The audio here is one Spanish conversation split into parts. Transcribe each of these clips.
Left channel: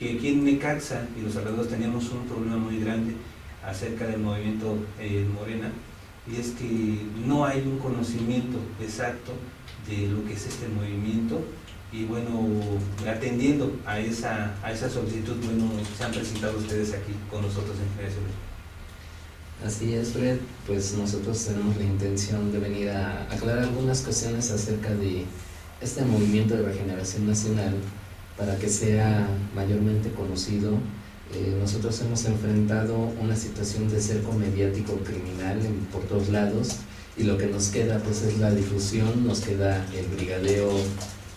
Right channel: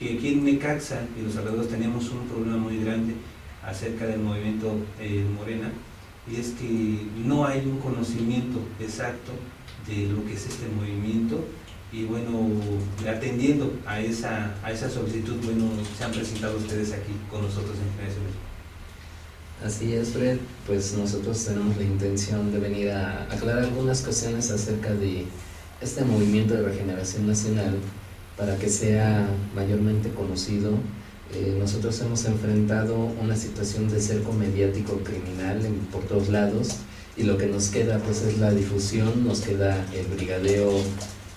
que aquí en Necaxa y los alrededores teníamos un problema muy grande acerca del movimiento Morena, y es que no hay un conocimiento exacto de lo que es este movimiento. Y bueno, atendiendo a esa solicitud, bueno, se han presentado ustedes aquí con nosotros en Generaciones. Así es, Fred, pues nosotros tenemos la intención de venir a aclarar algunas cuestiones acerca de este movimiento de regeneración nacional para que sea mayormente conocido. Nosotros hemos enfrentado una situación de cerco mediático criminal por todos lados, y lo que nos queda pues es la difusión, nos queda el brigadeo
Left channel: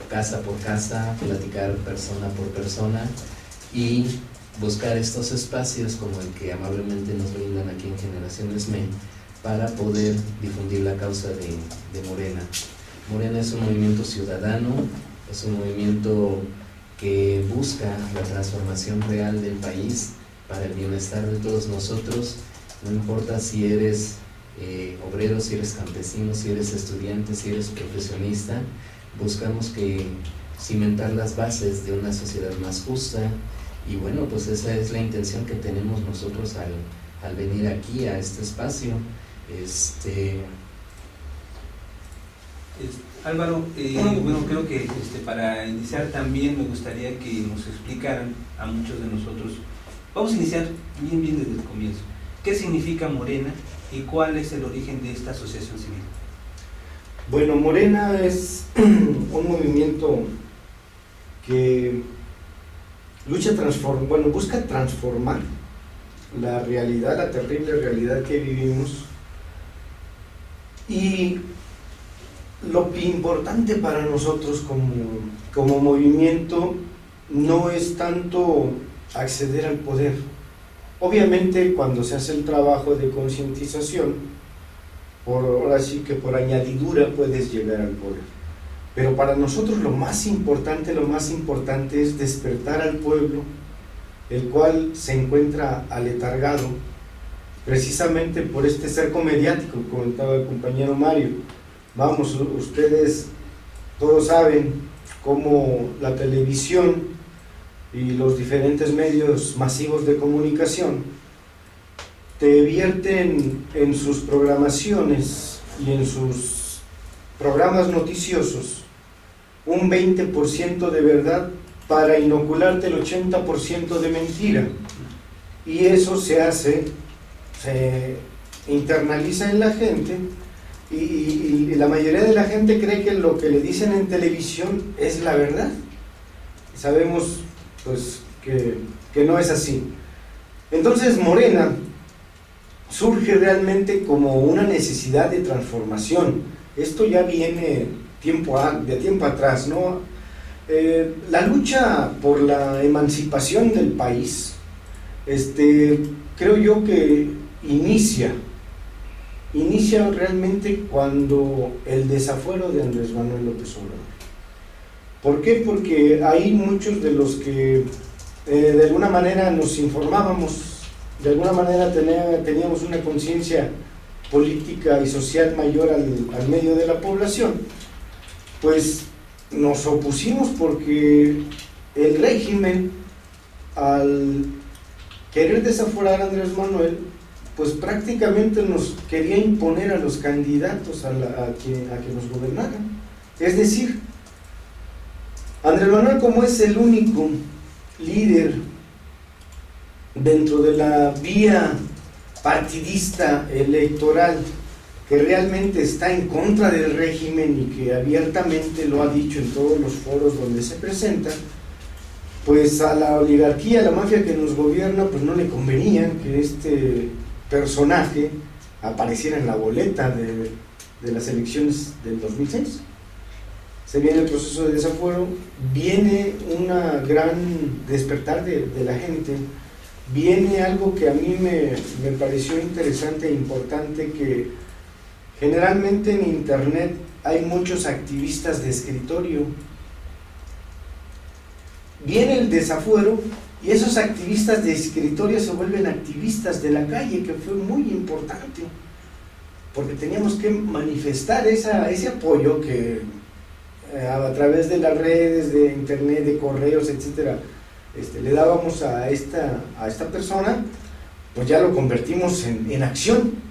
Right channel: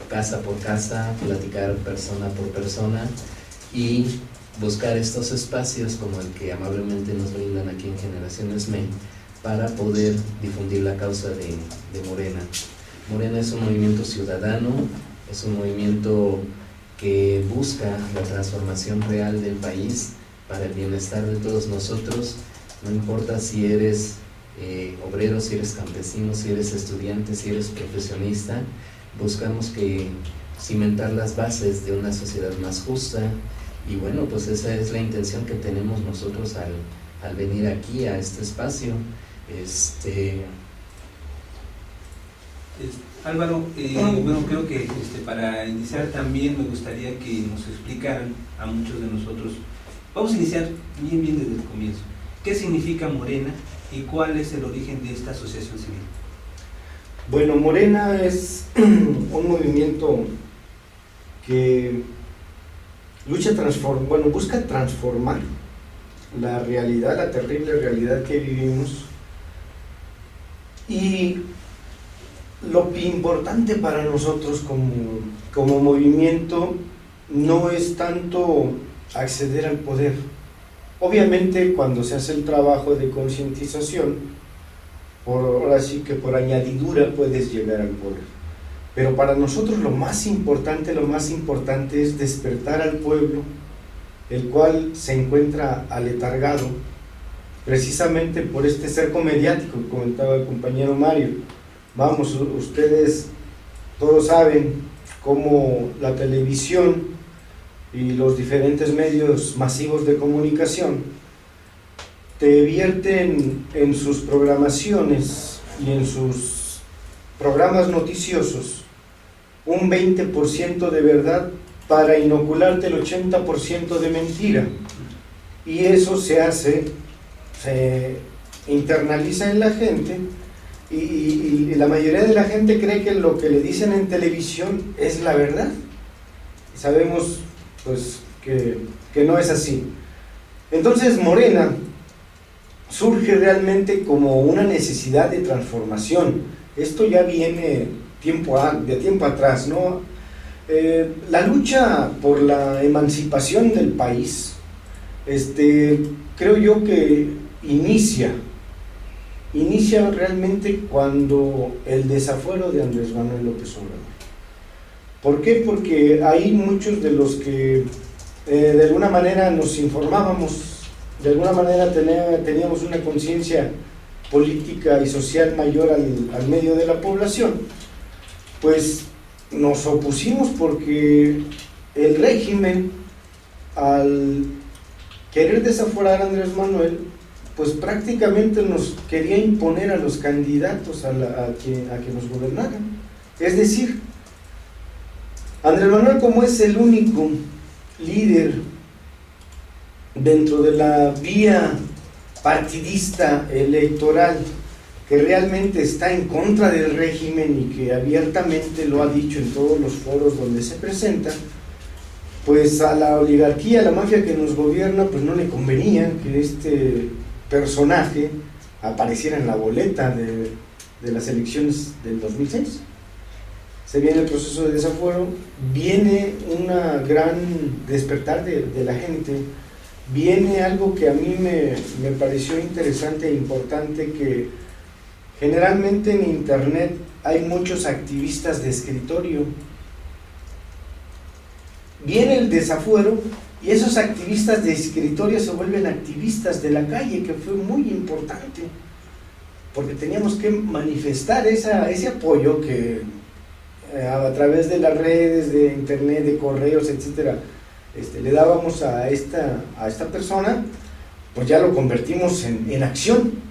casa por casa, platicar persona por persona y buscar estos espacios como el que amablemente nos brindan aquí en Generaciones ME para poder difundir la causa de Morena. Morena es un movimiento ciudadano, es un movimiento que busca la transformación real del país para el bienestar de todos nosotros. No importa si eres obrero, si eres campesino, si eres estudiante, si eres profesionista, buscamos que cimentar las bases de una sociedad más justa. Y bueno, pues esa es la intención que tenemos nosotros al venir aquí a este espacio. Álvaro, bueno, creo que para iniciar también me gustaría que nos explicaran a muchos de nosotros. Vamos a iniciar bien desde el comienzo. ¿Qué significa Morena y cuál es el origen de esta asociación civil? Bueno, Morena es un movimiento que busca transformar la realidad, la terrible realidad que vivimos. Y lo importante para nosotros como movimiento no es tanto acceder al poder. Obviamente cuando se hace el trabajo de concientización, ahora sí que por añadidura puedes llegar al poder. Pero para nosotros lo más importante es despertar al pueblo, el cual se encuentra aletargado precisamente por este cerco mediático que comentaba el compañero Mario. Vamos, ustedes todos saben cómo la televisión y los diferentes medios masivos de comunicación te vierten en sus programaciones y en sus programas noticiosos un 20% de verdad para inocularte el 80% de mentira. Y eso se internaliza en la gente, y la mayoría de la gente cree que lo que le dicen en televisión es la verdad. Sabemos pues que no es así. Entonces Morena surge realmente como una necesidad de transformación. Esto ya viene de tiempo atrás, ¿no? La lucha por la emancipación del país, creo yo que inicia realmente cuando el desafuero de Andrés Manuel López Obrador. ¿Por qué? Porque ahí muchos de los que de alguna manera nos informábamos, de alguna manera teníamos una conciencia política y social mayor al medio de la población, pues nos opusimos, porque el régimen, al querer desaforar a Andrés Manuel, pues prácticamente nos quería imponer a los candidatos a que nos gobernaran. Es decir, Andrés Manuel, como es el único líder dentro de la vía partidista electoral que realmente está en contra del régimen y que abiertamente lo ha dicho en todos los foros donde se presenta, pues a la oligarquía, a la mafia que nos gobierna, pues no le convenía que este personaje apareciera en la boleta de las elecciones del 2006. Se viene el proceso de desafuero, viene una gran despertar de la gente, viene algo que a mí me pareció interesante e importante, que generalmente en internet hay muchos activistas de escritorio. Viene el desafuero y esos activistas de escritorio se vuelven activistas de la calle, que fue muy importante, porque teníamos que manifestar ese apoyo que a través de las redes, de internet, de correos, etcétera, le dábamos a esta persona, pues ya lo convertimos en acción.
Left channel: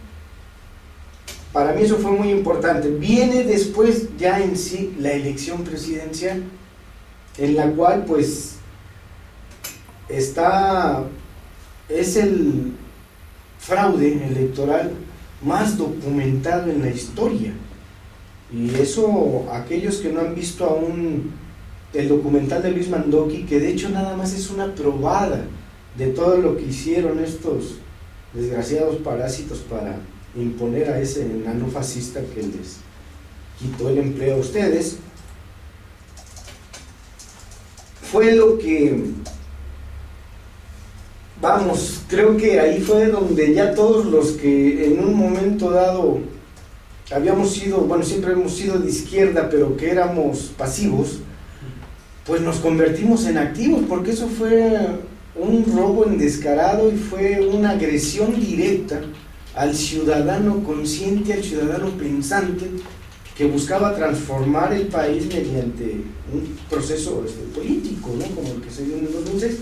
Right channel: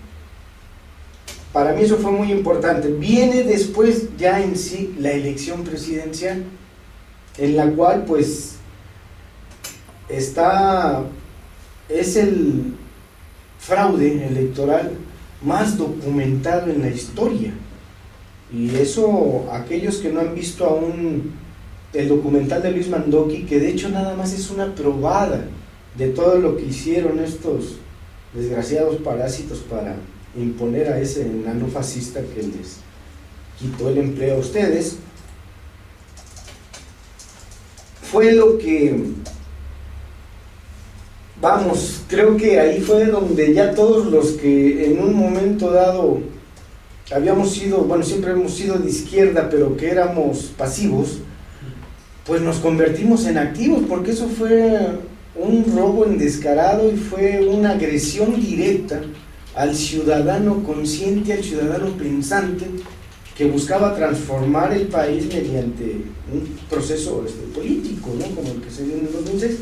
Para mí eso fue muy importante. Viene después ya en sí la elección presidencial, en la cual pues es el fraude electoral más documentado en la historia. Y eso, aquellos que no han visto aún el documental de Luis Mandoki, que de hecho nada más es una probada de todo lo que hicieron estos desgraciados parásitos para imponer a ese enano fascista que les quitó el empleo a ustedes, fue lo que, vamos, creo que ahí fue donde ya todos los que en un momento dado habíamos sido, bueno, siempre hemos sido de izquierda, pero que éramos pasivos, pues nos convertimos en activos, porque eso fue un robo descarado y fue una agresión directa al ciudadano consciente, al ciudadano pensante, que buscaba transformar el país mediante un proceso político, ¿no? Como el que se dio en el 2006.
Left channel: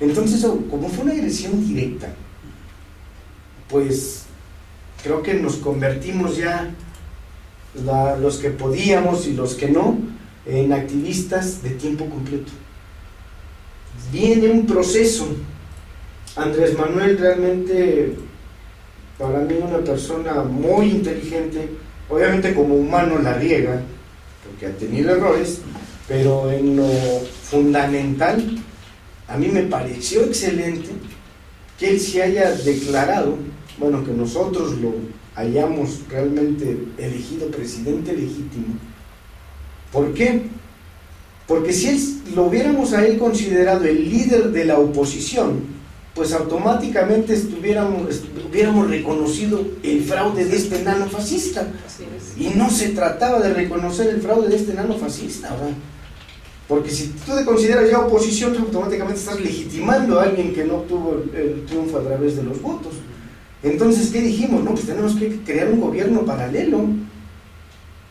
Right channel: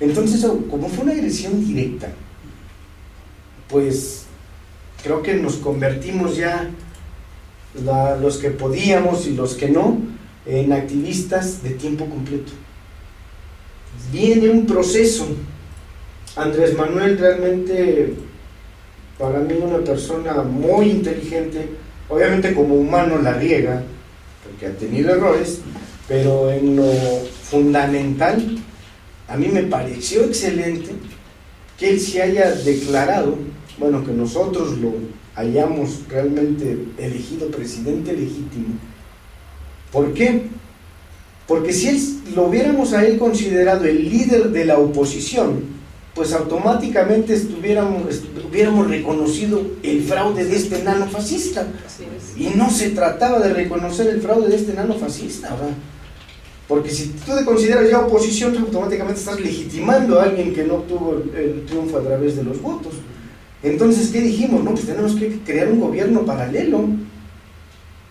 Entonces, como fue una agresión directa, pues creo que nos convertimos ya, los que podíamos y los que no, en activistas de tiempo completo. Viene un proceso. Andrés Manuel realmente, para mí, una persona muy inteligente, obviamente como humano la riega, porque ha tenido errores, pero en lo fundamental, a mí me pareció excelente que él se haya declarado, bueno, que nosotros lo hayamos realmente elegido presidente legítimo. ¿Por qué? Porque si lo hubiéramos a él considerado el líder de la oposición, pues automáticamente hubiéramos reconocido el fraude de este enano fascista. Y no se trataba de reconocer el fraude de este enano fascista, ¿verdad? Porque si tú te consideras ya oposición, automáticamente estás legitimando a alguien que no obtuvo el triunfo a través de los votos. Entonces, ¿qué dijimos? No, pues tenemos que crear un gobierno paralelo,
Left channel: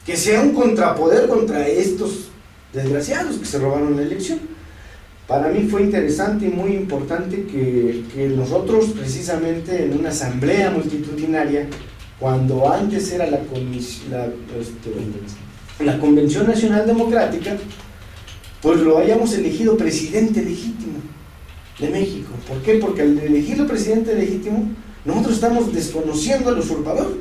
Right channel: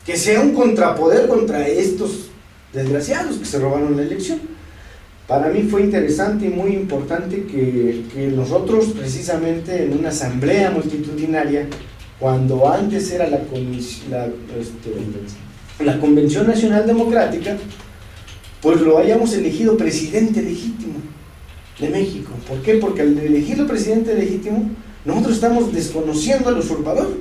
que sea un contrapoder contra estos desgraciados que se robaron la elección. Para mí fue interesante y muy importante que nosotros, precisamente en una asamblea multitudinaria, cuando antes era la Convención Nacional Democrática, pues lo hayamos elegido presidente legítimo de México. ¿Por qué? Porque al elegirlo presidente legítimo, nosotros estamos desconociendo al usurpador,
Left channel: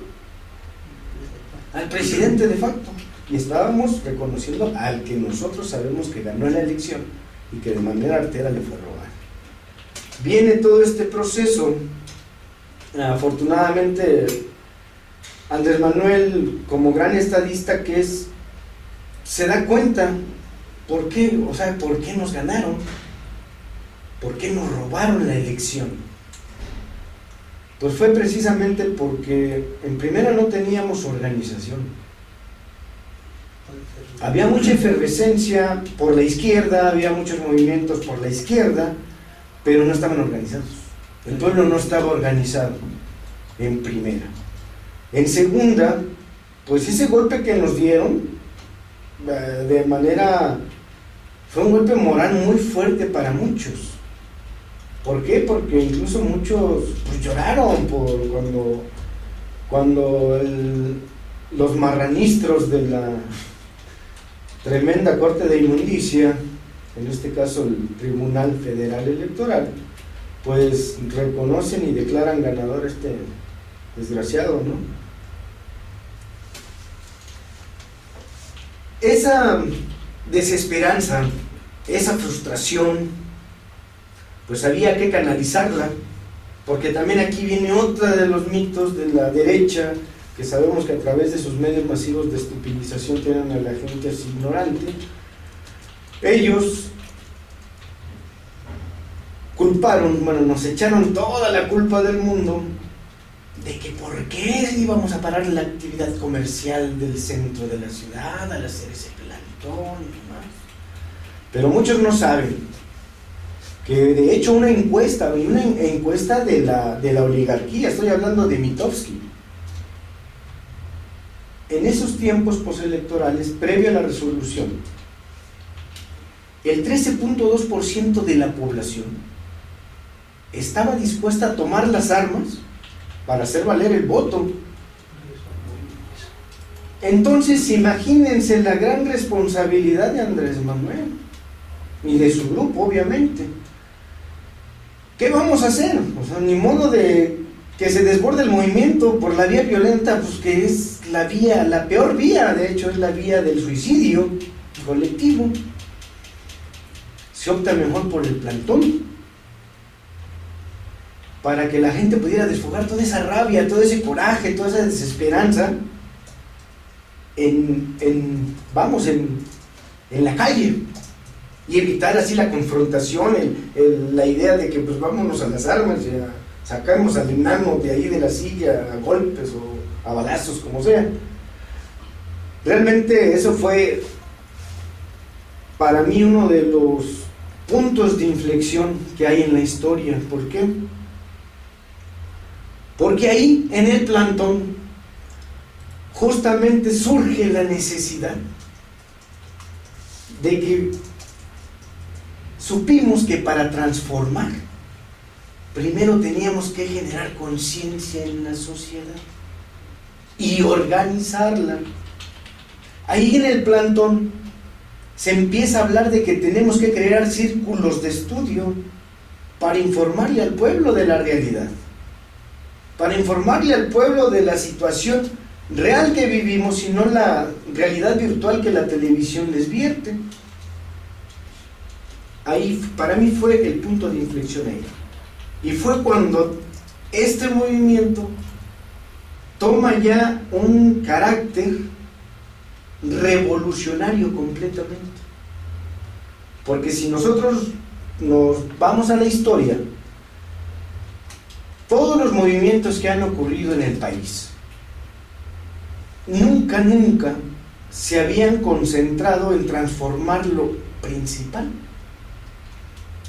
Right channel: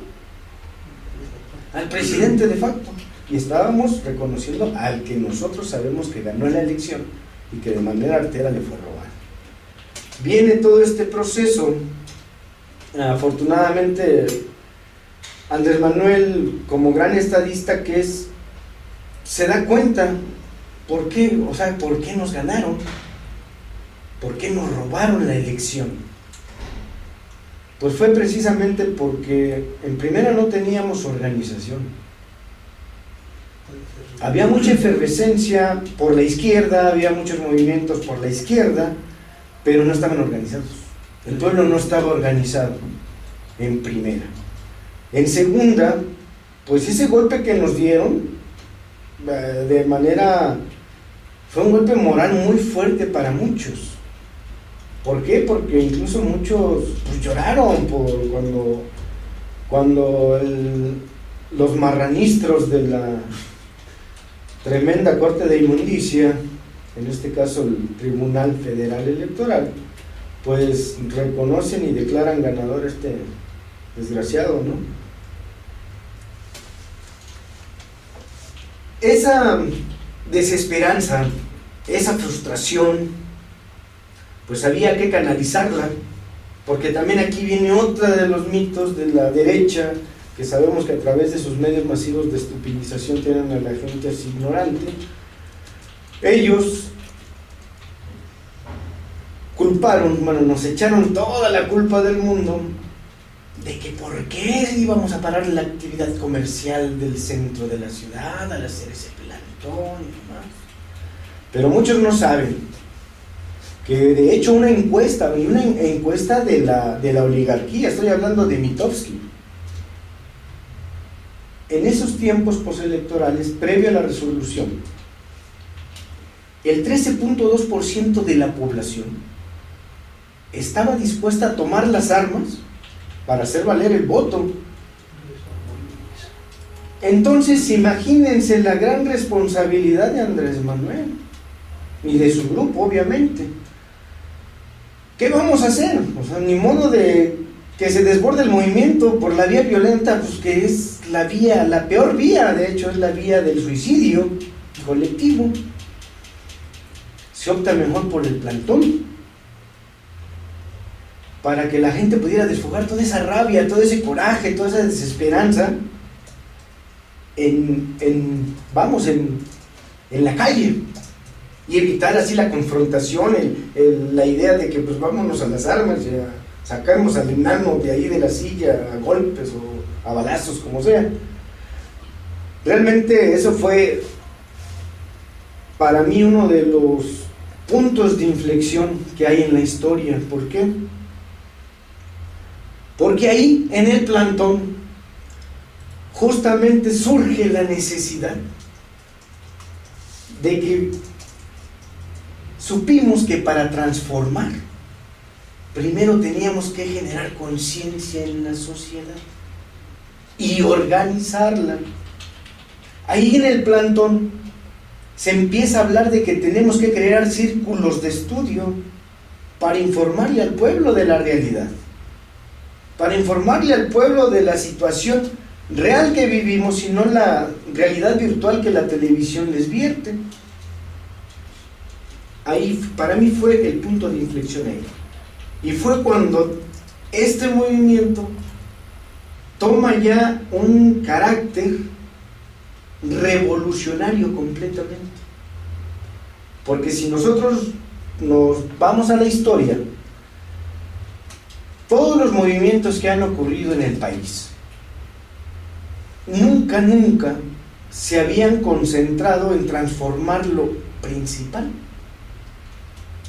al presidente de facto, y estábamos reconociendo al que nosotros sabemos que ganó la elección y que de manera artera le fue robado. Viene todo este proceso. Afortunadamente, Andrés Manuel, como gran estadista que es, se da cuenta por qué, o sea, por qué nos ganaron, por qué nos robaron la elección. Pues fue precisamente porque en primera no teníamos organización. Había mucha efervescencia por la izquierda, había muchos movimientos por la izquierda, pero no estaban organizados. El pueblo no estaba organizado, en primera. En segunda, pues ese golpe que nos dieron, de manera, fue un golpe moral muy fuerte para muchos. ¿Por qué? Porque incluso muchos pues, lloraron cuando los marranistros de la tremenda Corte de Inmundicia, en este caso el Tribunal Federal Electoral, pues reconocen y declaran ganador a este desgraciado, ¿no? Esa desesperanza, esa frustración, pues había que canalizarla, porque también aquí viene otra de los mitos de la derecha, que sabemos que a través de sus medios masivos de estupidización tienen a la gente así ignorante. Ellos culparon, bueno, nos echaron toda la culpa del mundo de que por qué íbamos a parar la actividad comercial del centro de la ciudad al hacer ese plantón y demás. Pero muchos no saben que de hecho una encuesta de la oligarquía, estoy hablando de Mitofsky, en esos tiempos postelectorales, previo a la resolución, el 13.2% de la población estaba dispuesta a tomar las armas para hacer valer el voto. Entonces, imagínense la gran responsabilidad de Andrés Manuel y de su grupo, obviamente. ¿Qué vamos a hacer? O sea, ni modo de que se desborde el movimiento por la vía violenta, pues que es la vía, la peor vía, de hecho, es la vía del suicidio colectivo. Se opta mejor por el plantón, para que la gente pudiera desfogar toda esa rabia, todo ese coraje, toda esa desesperanza en la calle, y evitar así la confrontación, la idea de que pues vámonos a las armas y sacamos al enano de ahí de la silla a golpes o a balazos, como sea. Realmente eso fue para mí uno de los puntos de inflexión que hay en la historia. ¿Por qué? Porque ahí en el plantón justamente surge la necesidad de que supimos que para transformar primero teníamos que generar conciencia en la sociedad y organizarla. Ahí en el plantón se empieza a hablar de que tenemos que crear círculos de estudio para informarle al pueblo de la realidad, para informarle al pueblo de la situación real que vivimos y no la realidad virtual que la televisión les vierte. Ahí para mí fue el punto de inflexión ahí. Y fue cuando este movimiento toma ya un carácter revolucionario completamente. Porque si nosotros nos vamos a la historia, todos los movimientos que han ocurrido en el país nunca se habían concentrado en transformar lo principal,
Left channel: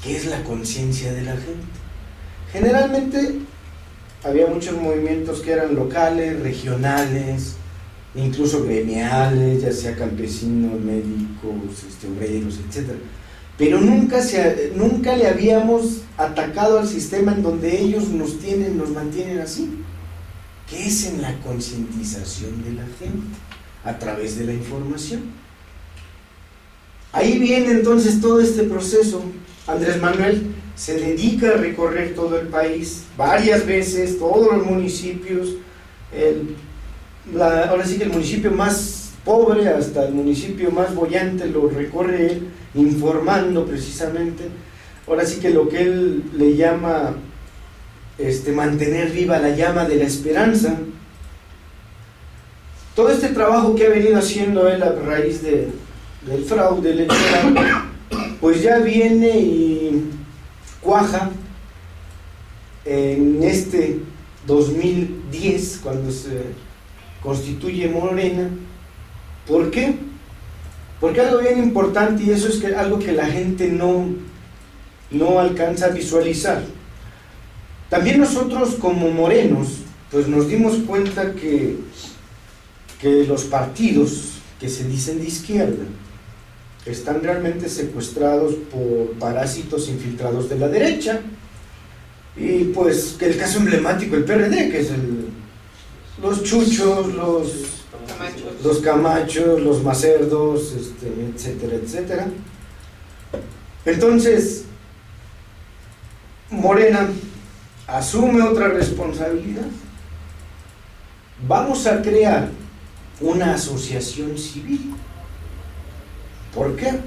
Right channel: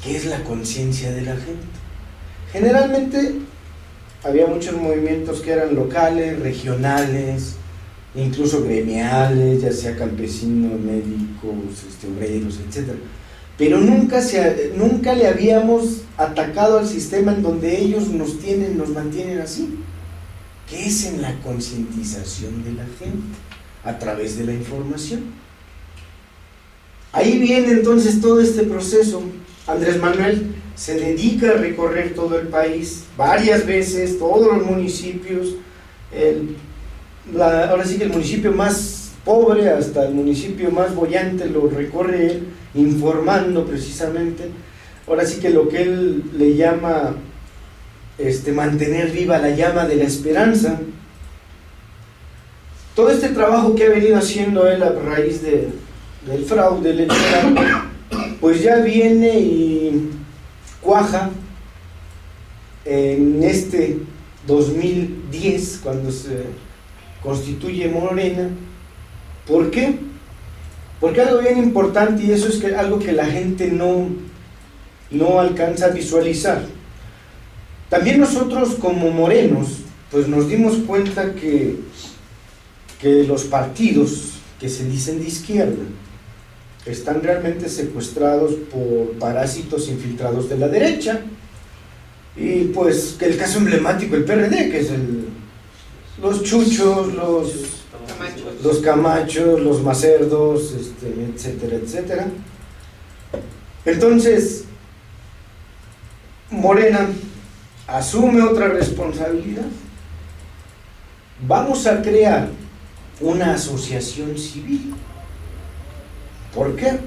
que es la conciencia de la gente. Generalmente había muchos movimientos que eran locales, regionales, incluso gremiales, ya sea campesinos, médicos, obreros, etc. Pero nunca le habíamos atacado al sistema en donde ellos nos mantienen así, que es en la concientización de la gente, a través de la información. Ahí viene entonces todo este proceso. Andrés Manuel se dedica a recorrer todo el país, varias veces, todos los municipios, ahora sí que el municipio más pobre hasta el municipio más boyante lo recorre él, informando precisamente, ahora sí que lo que él le llama mantener viva la llama de la esperanza. Todo este trabajo que ha venido haciendo él a raíz del fraude electoral, pues ya viene y cuaja en este 2010, cuando se constituye Morena. ¿Por qué? Porque algo bien importante, y eso es algo que la gente no alcanza a visualizar. También nosotros como morenos, pues nos dimos cuenta que los partidos que se dicen de izquierda están realmente secuestrados por parásitos infiltrados de la derecha. Y pues que el caso emblemático, el PRD, que es los chuchos, los camachos, los macerdos, etcétera, etcétera. Entonces, Morena asume otra responsabilidad. Vamos a crear una asociación civil. ¿Por qué?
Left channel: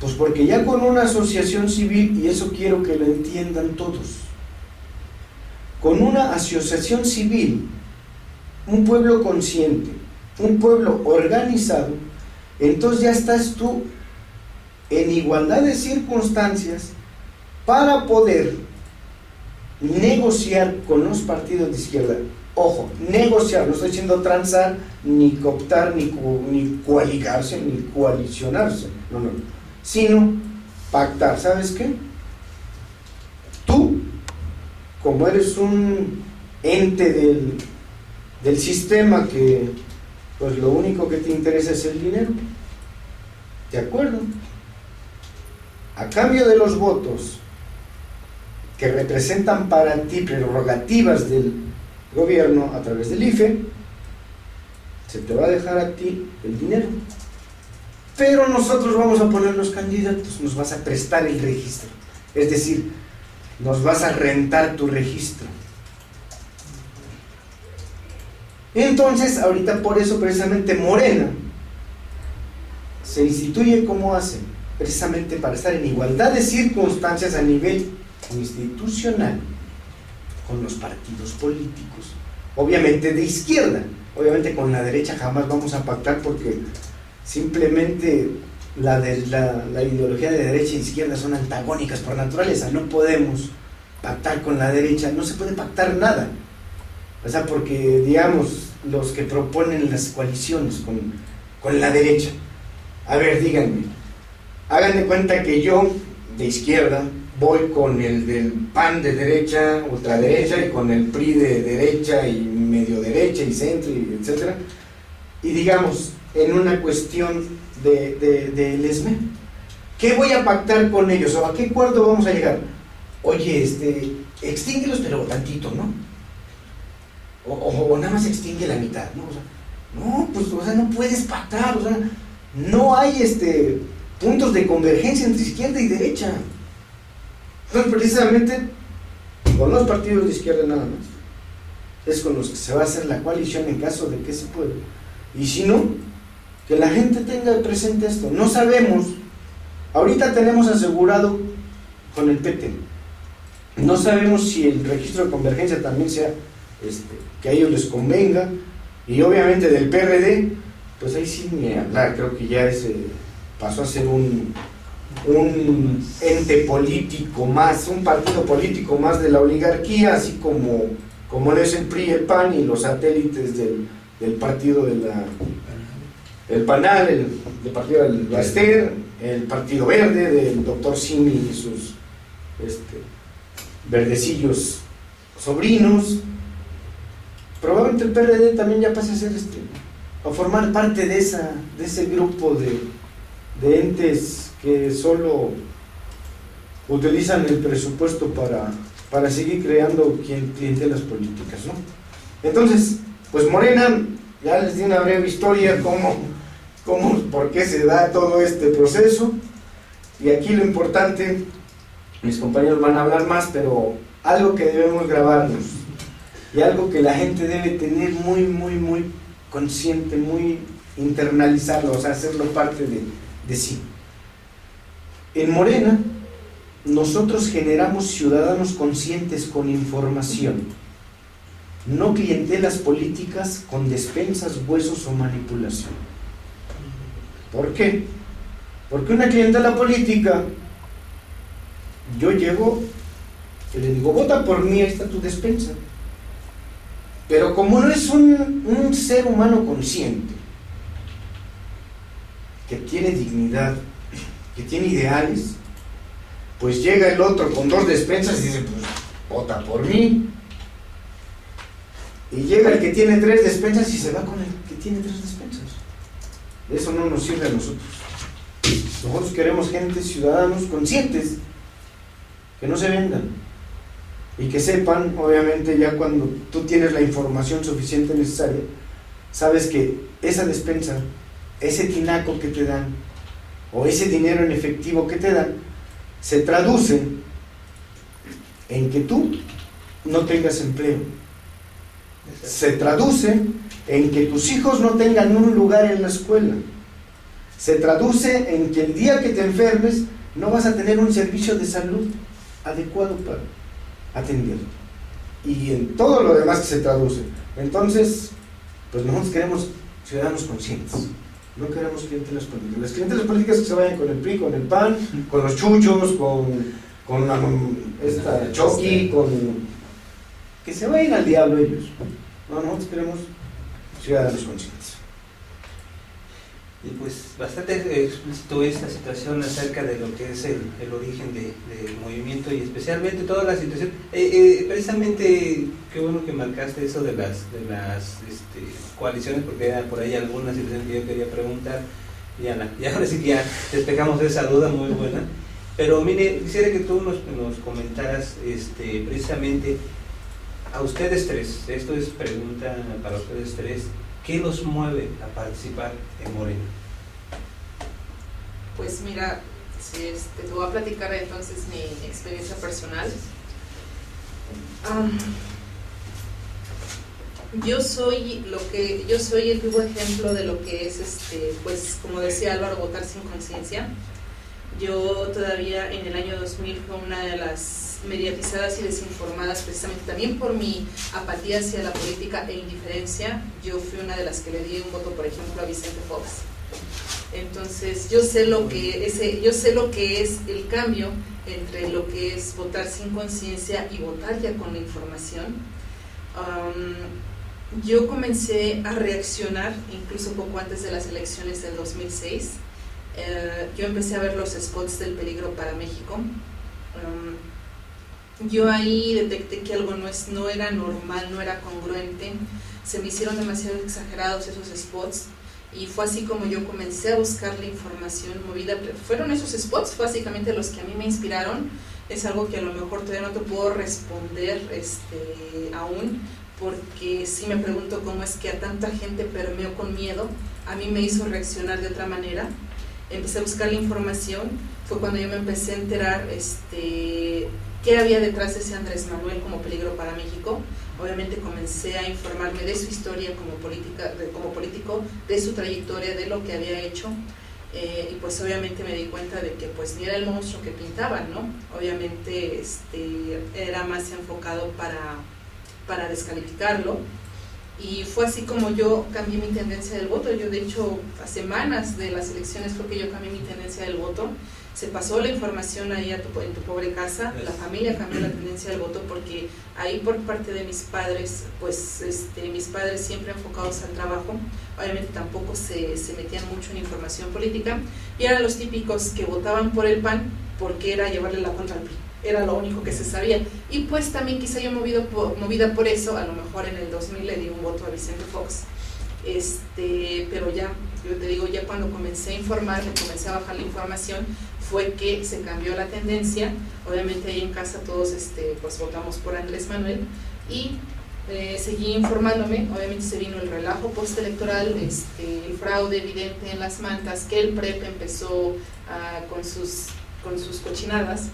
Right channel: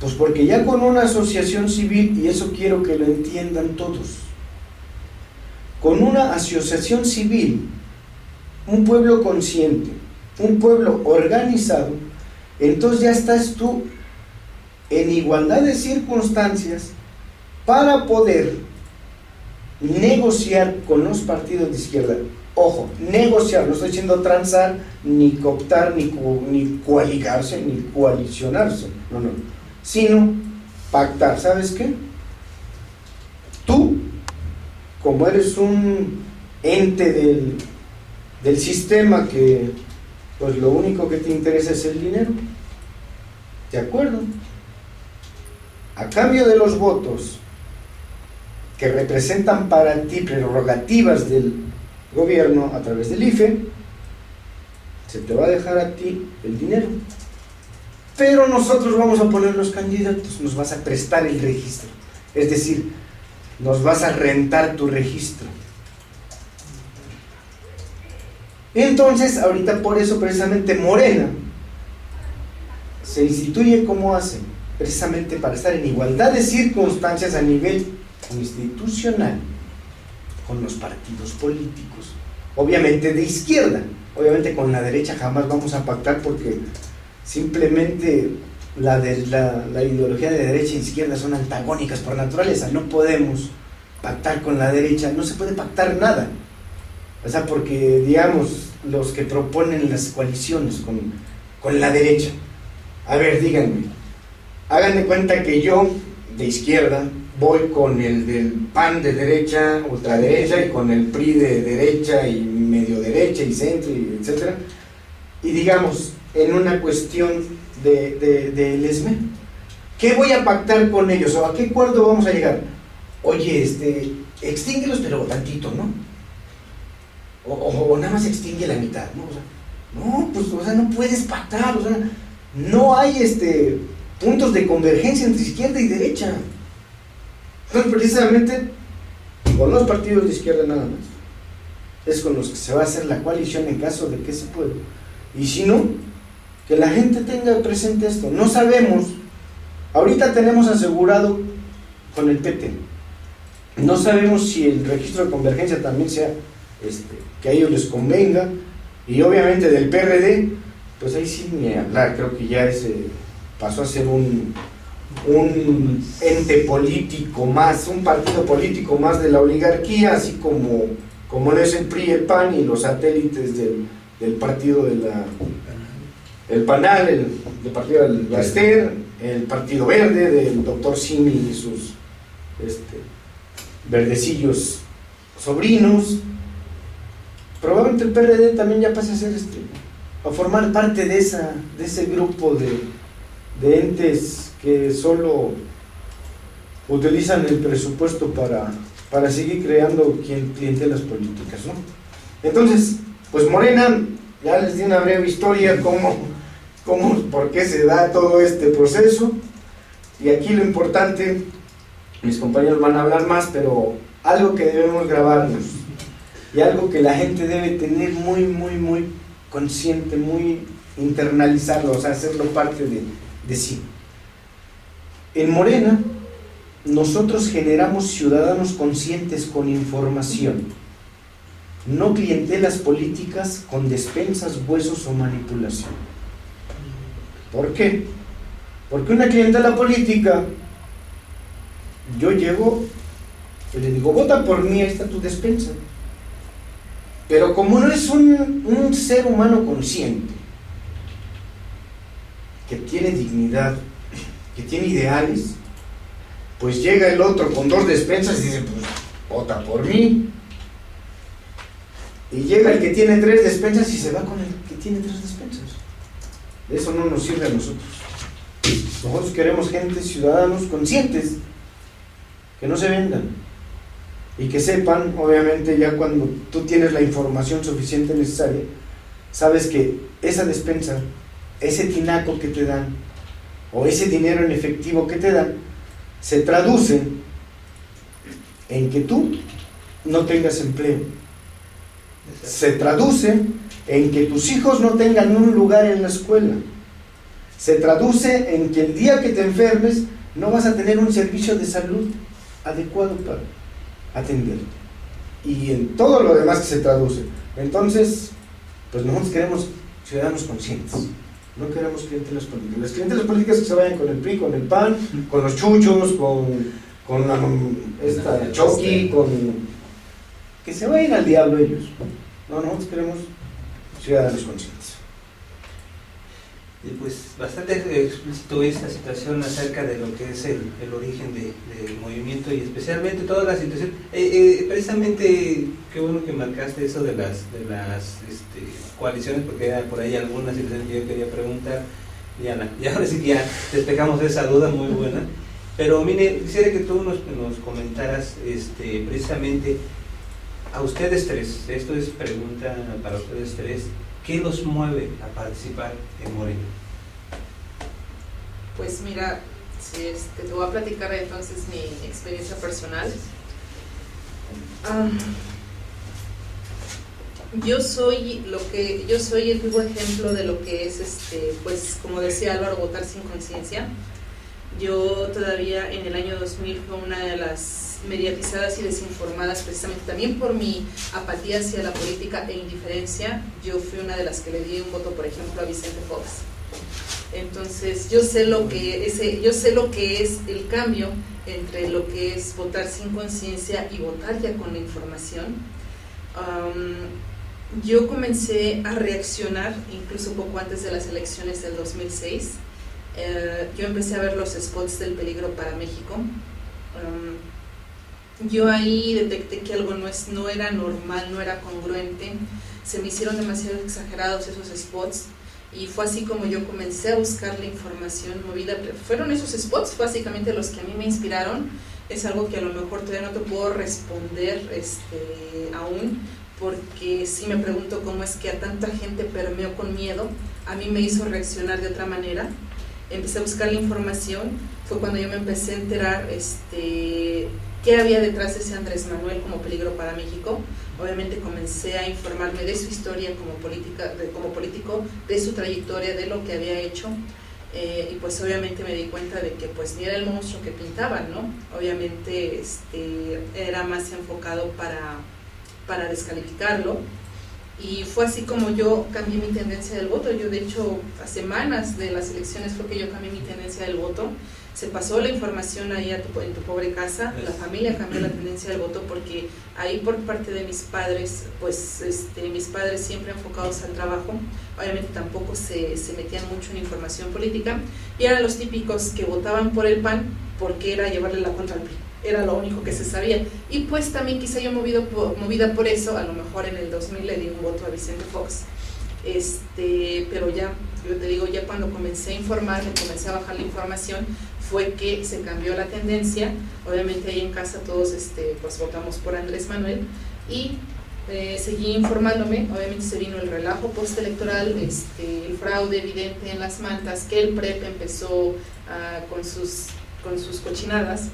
Pues porque ya con una asociación civil, y eso quiero que lo entiendan todos, con una asociación civil, un pueblo consciente, un pueblo organizado, entonces ya estás tú en igualdad de circunstancias para poder negociar con los partidos de izquierda. Ojo, negociar, no estoy diciendo transar, ni cooptar, ni coaligarse, ni coalicionarse, no, sino pactar. ¿Sabes qué? Tú, como eres un ente del sistema que pues lo único que te interesa es el dinero, ¿de acuerdo? a cambio de los votos que representan para ti prerrogativas del gobierno a través del IFE, se te va a dejar a ti el dinero. Pero nosotros vamos a poner los candidatos, nos vas a prestar el registro, es decir, nos vas a rentar tu registro. Entonces, ahorita por eso precisamente Morena se instituye como hace, precisamente para estar en igualdad de circunstancias a nivel institucional con los partidos políticos, obviamente de izquierda. Obviamente con la derecha jamás vamos a pactar, porque simplemente la ideología de derecha e izquierda son antagónicas por naturaleza. No podemos pactar con la derecha, no se puede pactar nada. O sea, porque digamos, los que proponen las coaliciones con la derecha, a ver, díganme, hagan de cuenta que yo, de izquierda, voy con el del PAN de derecha, ultraderecha, y con el PRI de derecha y medio derecha y centro, y etcétera, y digamos, en una cuestión del ESME, ¿qué voy a pactar con ellos? ¿O a qué acuerdo vamos a llegar? Oye, extínguelos pero tantito, ¿no? O nada más extingue la mitad, ¿no? O sea, no, pues, o sea, no puedes pactar, o sea, no hay puntos de convergencia entre izquierda y derecha. Entonces, precisamente, con los partidos de izquierda nada más, es con los que se va a hacer la coalición en caso de que se pueda. Y si no, que la gente tenga presente esto. No sabemos, ahorita tenemos asegurado con el PT, no sabemos si el registro de convergencia también sea que a ellos les convenga, y obviamente del PRD, pues ahí sí ni hablar, creo que ya pasó a ser un ente político más, un partido político más de la oligarquía, así como es el PRI, el PAN y los satélites del partido el PANAL, del partido del Baster, el Partido Verde del doctor Simi y sus verdecillos sobrinos. Probablemente el PRD también ya pase a ser a formar parte de ese grupo de entes que solo utilizan el presupuesto para seguir creando clientelas políticas, ¿no? Entonces, pues Morena, ya les di una breve historia por qué se da todo este proceso, y aquí lo importante, mis compañeros van a hablar más, pero algo que debemos grabarnos y algo que la gente debe tener muy, muy, muy consciente, muy internalizarlo, o sea, hacerlo parte de sí. En Morena, nosotros generamos ciudadanos conscientes con información, no clientelas políticas con despensas, huesos o manipulación. ¿Por qué? Porque una clientela política, yo llego y le digo, vota por mí, ahí está tu despensa. Pero como no es un ser humano consciente, que tiene dignidad, que tiene ideales, pues llega el otro con 2 despensas y dice, pues vota por mí. Y llega el que tiene 3 despensas y se va con el que tiene 3 despensas. Eso no nos sirve a nosotros. Nosotros queremos gente, ciudadanos conscientes, que no se vendan y que sepan, obviamente, ya cuando tú tienes la información suficiente necesaria, sabes que esa despensa, ese tinaco que te dan o ese dinero en efectivo que te dan, se traduce en que tú no tengas empleo, se traduce en que tus hijos no tengan un lugar en la escuela, se traduce en que el día que te enfermes no vas a tener un servicio de salud adecuado para atenderte, y en todo lo demás que se traduce. Entonces, pues nosotros queremos ciudadanos conscientes, no queremos clientelas políticas. Las clientelas políticas que se vayan con el PRI, con el PAN, con los chuchos, con esta Choqui, que se vayan al diablo ellos. No, nosotros queremos ciudadanos conscientes. Y pues bastante explícito esta situación acerca de lo que es el origen del movimiento, y especialmente toda la situación. Precisamente, qué bueno que marcaste eso de las coaliciones, porque era por ahí alguna situación que yo quería preguntar, y ahora sí que ya despejamos esa duda muy buena. Pero mire, quisiera que tú nos comentaras precisamente a ustedes tres, esto es pregunta para ustedes tres, ¿qué los mueve a participar en Morena? Pues mira, te voy a platicar entonces mi experiencia personal. Yo soy el vivo ejemplo de lo que es, pues como decía Álvaro, votar sin conciencia. Yo todavía en el año 2000 fue una de las mediatizadas y desinformadas, precisamente también por mi apatía hacia la política e indiferencia. Yo fui una de las que le di un voto, por ejemplo, a Vicente Fox. Entonces yo sé lo que es el cambio entre lo que es votar sin conciencia y votar ya con la información. Yo comencé a reaccionar incluso poco antes de las elecciones del 2006. Yo empecé a ver los spots del peligro para México. Yo ahí detecté que algo no era normal, no era congruente. Se me hicieron demasiado exagerados esos spots y fue así como yo comencé a buscar la información movida. Fueron esos spots básicamente los que a mí me inspiraron. Es algo que a lo mejor todavía no te puedo responder aún, porque sí me pregunto cómo es que a tanta gente permeó con miedo. A mí me hizo reaccionar de otra manera. Empecé a buscar la información, fue cuando yo me empecé a enterar qué había detrás de ese Andrés Manuel como peligro para México. Obviamente comencé a informarme de su historia como político, de su trayectoria, de lo que había hecho, y pues obviamente me di cuenta de que pues ni era el monstruo que pintaban, ¿no? Obviamente era más enfocado para descalificarlo. Y fue así como yo cambié mi tendencia del voto. Yo de hecho a semanas de las elecciones fue que yo cambié mi tendencia del voto. Se pasó la información ahí en tu pobre casa, la familia cambió la tendencia del voto, porque ahí por parte de mis padres, pues mis padres siempre enfocados al trabajo, obviamente tampoco se metían mucho en información política, y eran los típicos que votaban por el PAN porque era llevarle la contra al PRI. Era lo único que se sabía, y pues también quizá yo movida por eso, a lo mejor en el 2000 le di un voto a Vicente Fox, pero ya, yo te digo, ya cuando comencé a informarme, comencé a bajar la información, fue que se cambió la tendencia. Obviamente ahí en casa todos pues votamos por Andrés Manuel, y seguí informándome. Obviamente se vino el relajo postelectoral, el fraude evidente en las mantas, que el PREP empezó con sus cochinadas.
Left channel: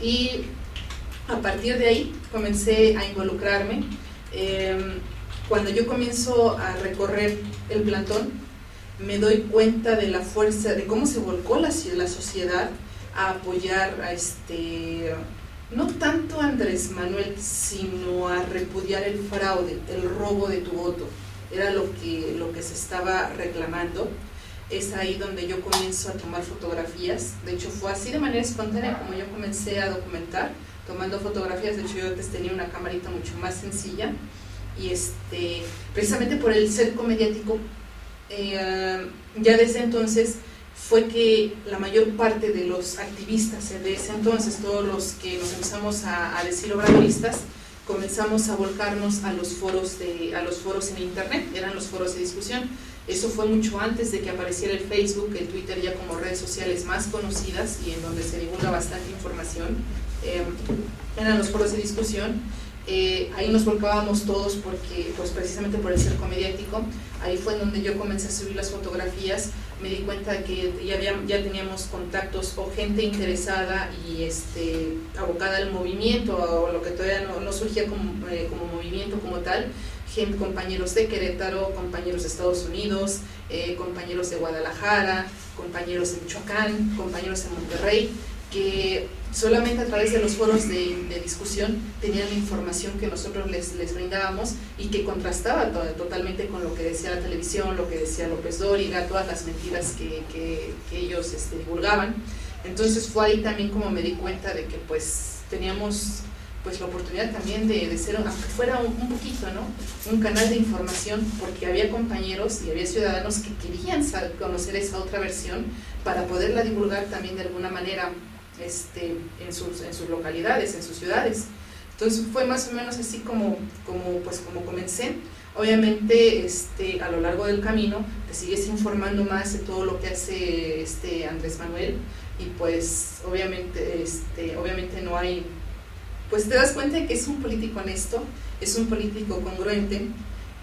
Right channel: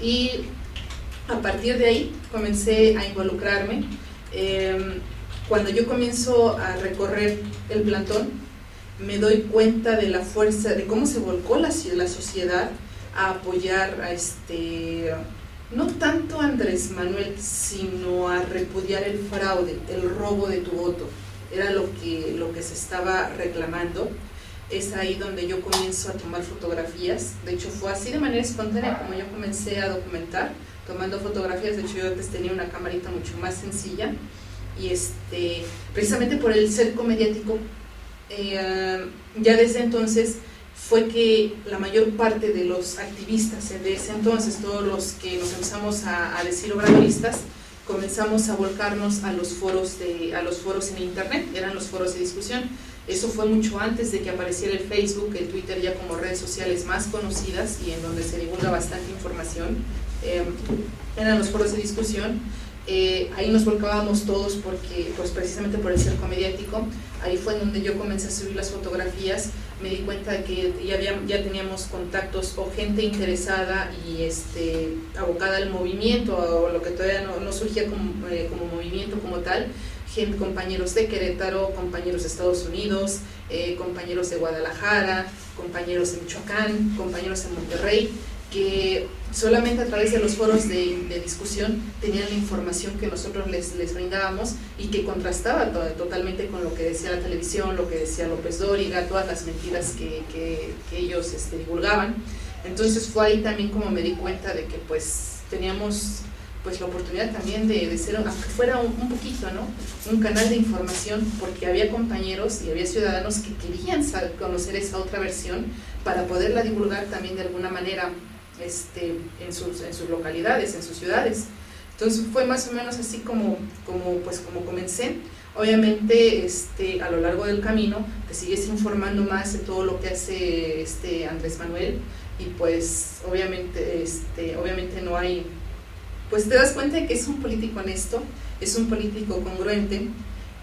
Y a partir de ahí comencé a involucrarme. Cuando yo comienzo a recorrer el plantón, me doy cuenta de la fuerza, de cómo se volcó la sociedad a apoyar no tanto a Andrés Manuel, sino a repudiar el fraude, el robo de tu voto. Era lo que se estaba reclamando. Es ahí donde yo comienzo a tomar fotografías. De hecho fue así de manera espontánea como yo comencé a documentar, tomando fotografías. De hecho yo antes tenía una camarita mucho más sencilla, y precisamente por el cerco mediático, ya desde entonces fue que la mayor parte de los activistas de ese entonces, todos los que nos empezamos a decir obradoristas, comenzamos a volcarnos a los foros en internet. Eran los foros de discusión. Eso fue mucho antes de que apareciera el Facebook, el Twitter, ya como redes sociales más conocidas y en donde se divulga bastante información. Eran los foros de discusión. Ahí nos volcábamos todos porque, pues precisamente por el cerco mediático. Ahí fue en donde yo comencé a subir las fotografías. Me di cuenta de que ya teníamos contactos o gente interesada y abocada al movimiento, o lo que todavía no surgía como movimiento como tal. Compañeros de Querétaro, compañeros de Estados Unidos, compañeros de Guadalajara, compañeros de Michoacán, compañeros de Monterrey, que solamente a través de los foros de discusión tenían la información que nosotros les brindábamos, y que contrastaba totalmente con lo que decía la televisión, lo que decía López Dóriga, todas las mentiras que ellos divulgaban. Entonces fue ahí también como me di cuenta de que pues teníamos pues la oportunidad también de ser, aunque fuera un poquito, ¿no?, un canal de información, porque había compañeros y había ciudadanos que querían conocer esa otra versión para poderla divulgar también de alguna manera en sus localidades, en sus ciudades. Entonces fue más o menos así como comencé. Obviamente a lo largo del camino te sigues informando más de todo lo que hace Andrés Manuel. y pues obviamente, obviamente no hay, pues te das cuenta de que es un político honesto, es un político congruente.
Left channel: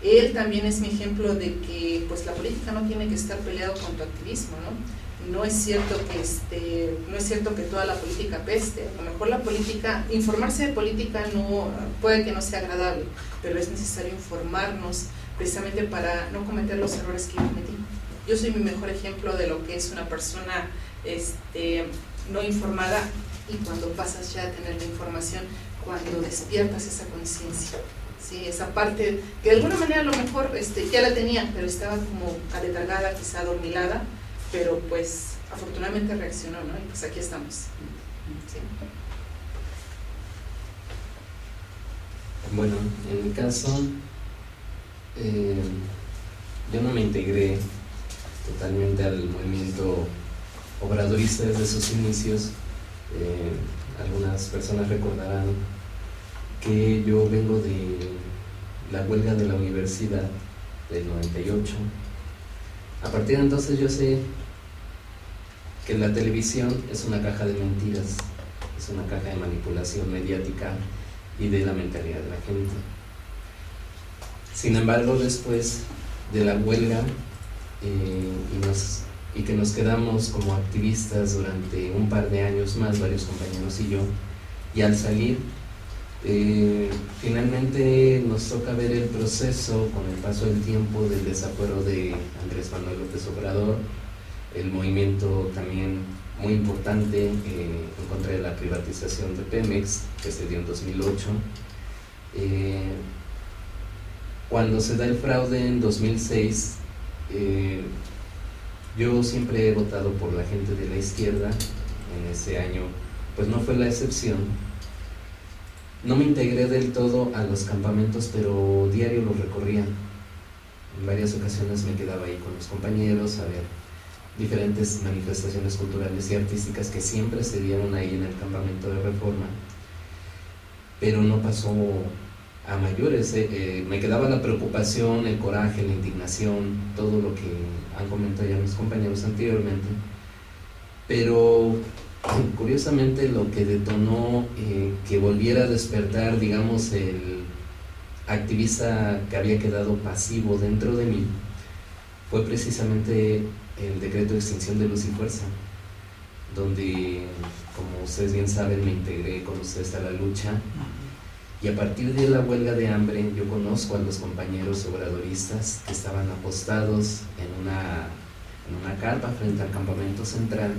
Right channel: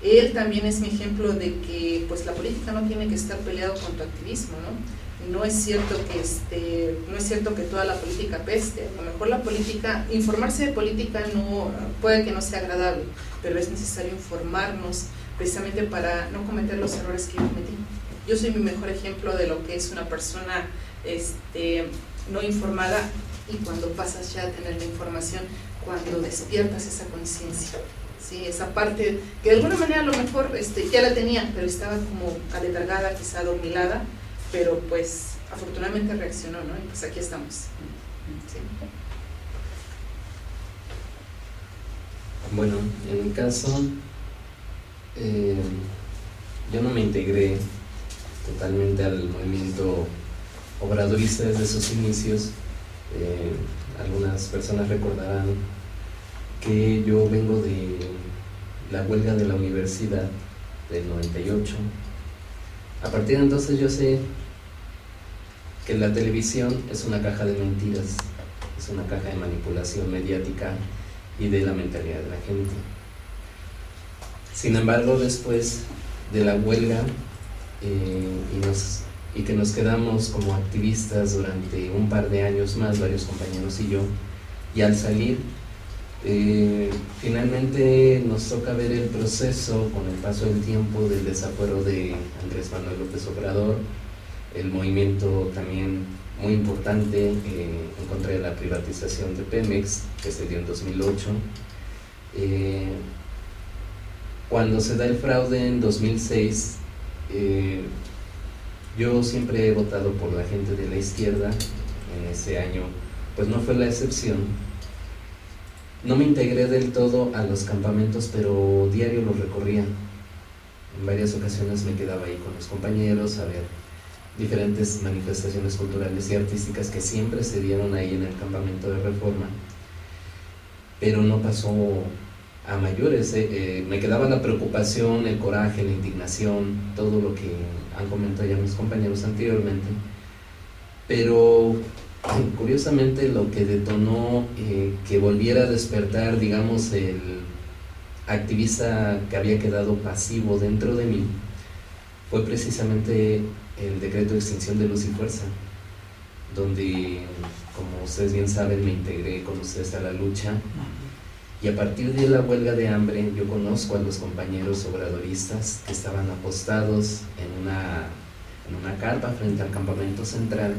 Él también es mi ejemplo de que pues la política no tiene que estar peleado con tu activismo, ¿no? No es cierto que toda la política peste. A lo mejor la política, informarse de política no puede que no sea agradable, pero es necesario informarnos precisamente para no cometer los errores que yo cometí. Yo soy mi mejor ejemplo de lo que es una persona no informada, y cuando pasas ya a tener la información, cuando despiertas esa conciencia, ¿sí? Esa parte que de alguna manera a lo mejor ya la tenía, pero estaba como aletargada, quizá adormilada, pero pues afortunadamente reaccionó, ¿no? Y pues aquí estamos. ¿Sí? Bueno, en mi caso, yo no me integré totalmente al movimiento obradorista desde sus inicios. Algunas personas recordarán que yo vengo de la huelga de la universidad del 98. A partir de entonces yo sé que la televisión es una caja de mentiras, es una caja de manipulación mediática y de la mentalidad de la gente. Sin embargo, después de la huelga y que nos quedamos como activistas durante un par de años más, varios compañeros y yo, y al salir, finalmente nos toca ver el proceso con el paso del tiempo del desafuero de Andrés Manuel López Obrador, el movimiento también muy importante en contra de la privatización de Pemex, que se dio en 2008. Cuando se da el fraude en 2006, yo siempre he votado por la gente de la izquierda. En ese año pues no fue la excepción. No me integré del todo a los campamentos, pero diario los recorría. En varias ocasiones me quedaba ahí con los compañeros a ver diferentes manifestaciones culturales y artísticas que siempre se dieron ahí en el campamento de Reforma, pero no pasó a mayores. Me quedaba la preocupación, el coraje, la indignación, todo lo que han comentado ya mis compañeros anteriormente, pero curiosamente lo que detonó que volviera a despertar, digamos, el activista que había quedado pasivo dentro de mí fue precisamente el decreto de extinción de Luz y Fuerza, donde, como ustedes bien saben, me integré con ustedes a la lucha, y a partir de la huelga de hambre yo conozco a los compañeros obradoristas que estaban apostados en una carpa frente al campamento central,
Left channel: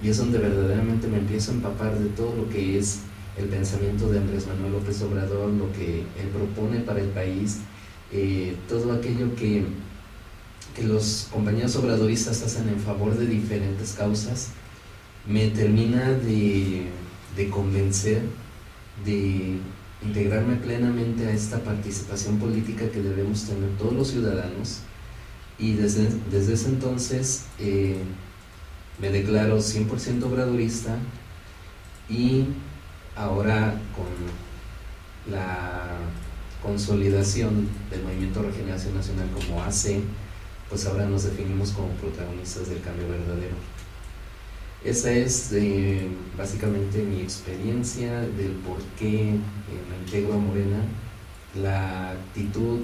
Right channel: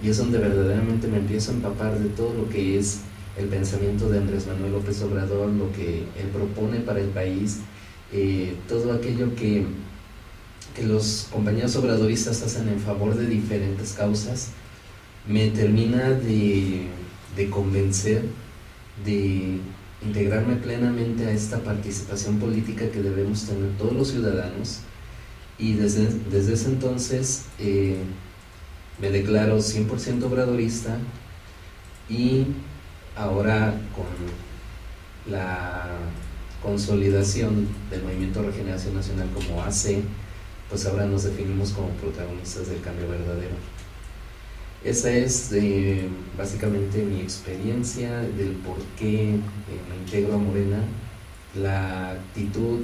y es donde verdaderamente me empiezo a empapar de todo lo que es el pensamiento de Andrés Manuel López Obrador, lo que él propone para el país, todo aquello que los compañeros obradoristas hacen en favor de diferentes causas. Me termina de convencer de integrarme plenamente a esta participación política que debemos tener todos los ciudadanos, y desde ese entonces me declaro 100% obradorista, y ahora con la consolidación del Movimiento de Regeneración Nacional como AC, pues ahora nos definimos como protagonistas del cambio verdadero. Esa es básicamente mi experiencia del por qué me integro a Morena, la actitud,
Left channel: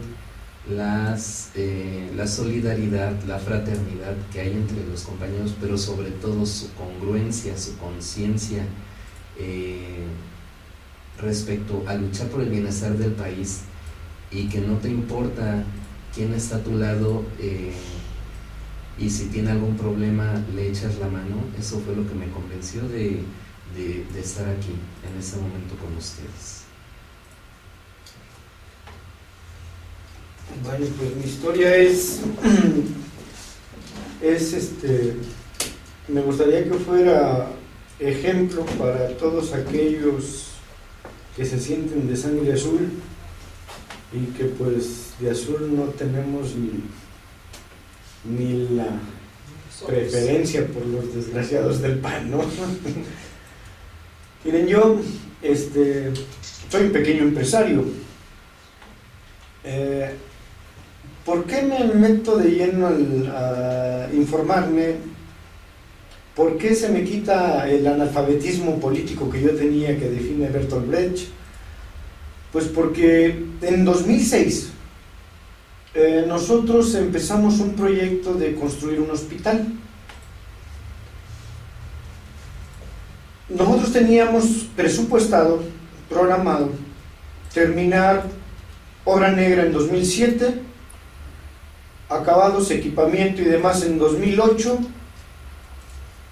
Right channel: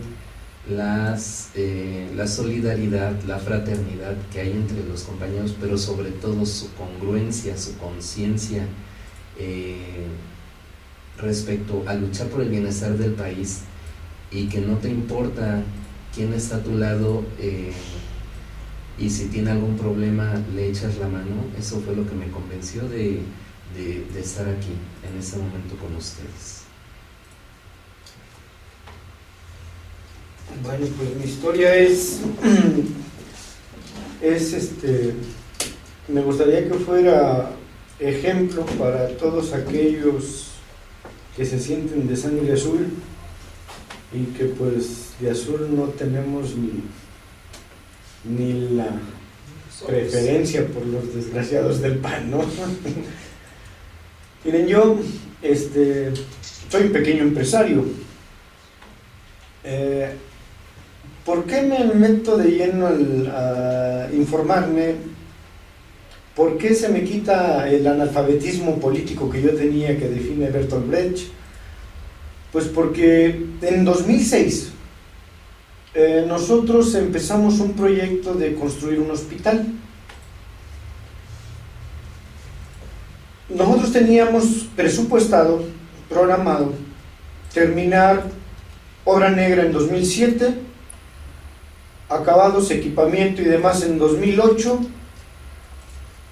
la solidaridad, la fraternidad que hay entre los compañeros, pero sobre todo su congruencia, su conciencia respecto a luchar por el bienestar del país, y que no te importa quién está a tu lado, y si tiene algún problema le echas la mano. Eso fue lo que me convenció de estar aquí en este momento con ustedes. Bueno, pues mi historia es me gustaría que fuera ejemplo para todos aquellos que se sienten de sangre azul, y que pues de azul no tenemos ni la preferencia por los desgraciados del PAN, ¿no? Miren, yo soy un pequeño empresario. ¿Por qué me meto de lleno a informarme? ¿Por qué se me quita el analfabetismo político que yo tenía, que define Bertolt Brecht? Pues porque en 2006 nosotros empezamos un proyecto de construir un hospital. Nosotros teníamos presupuestado, programado, terminar obra negra en 2007, acabados, equipamiento y demás en 2008,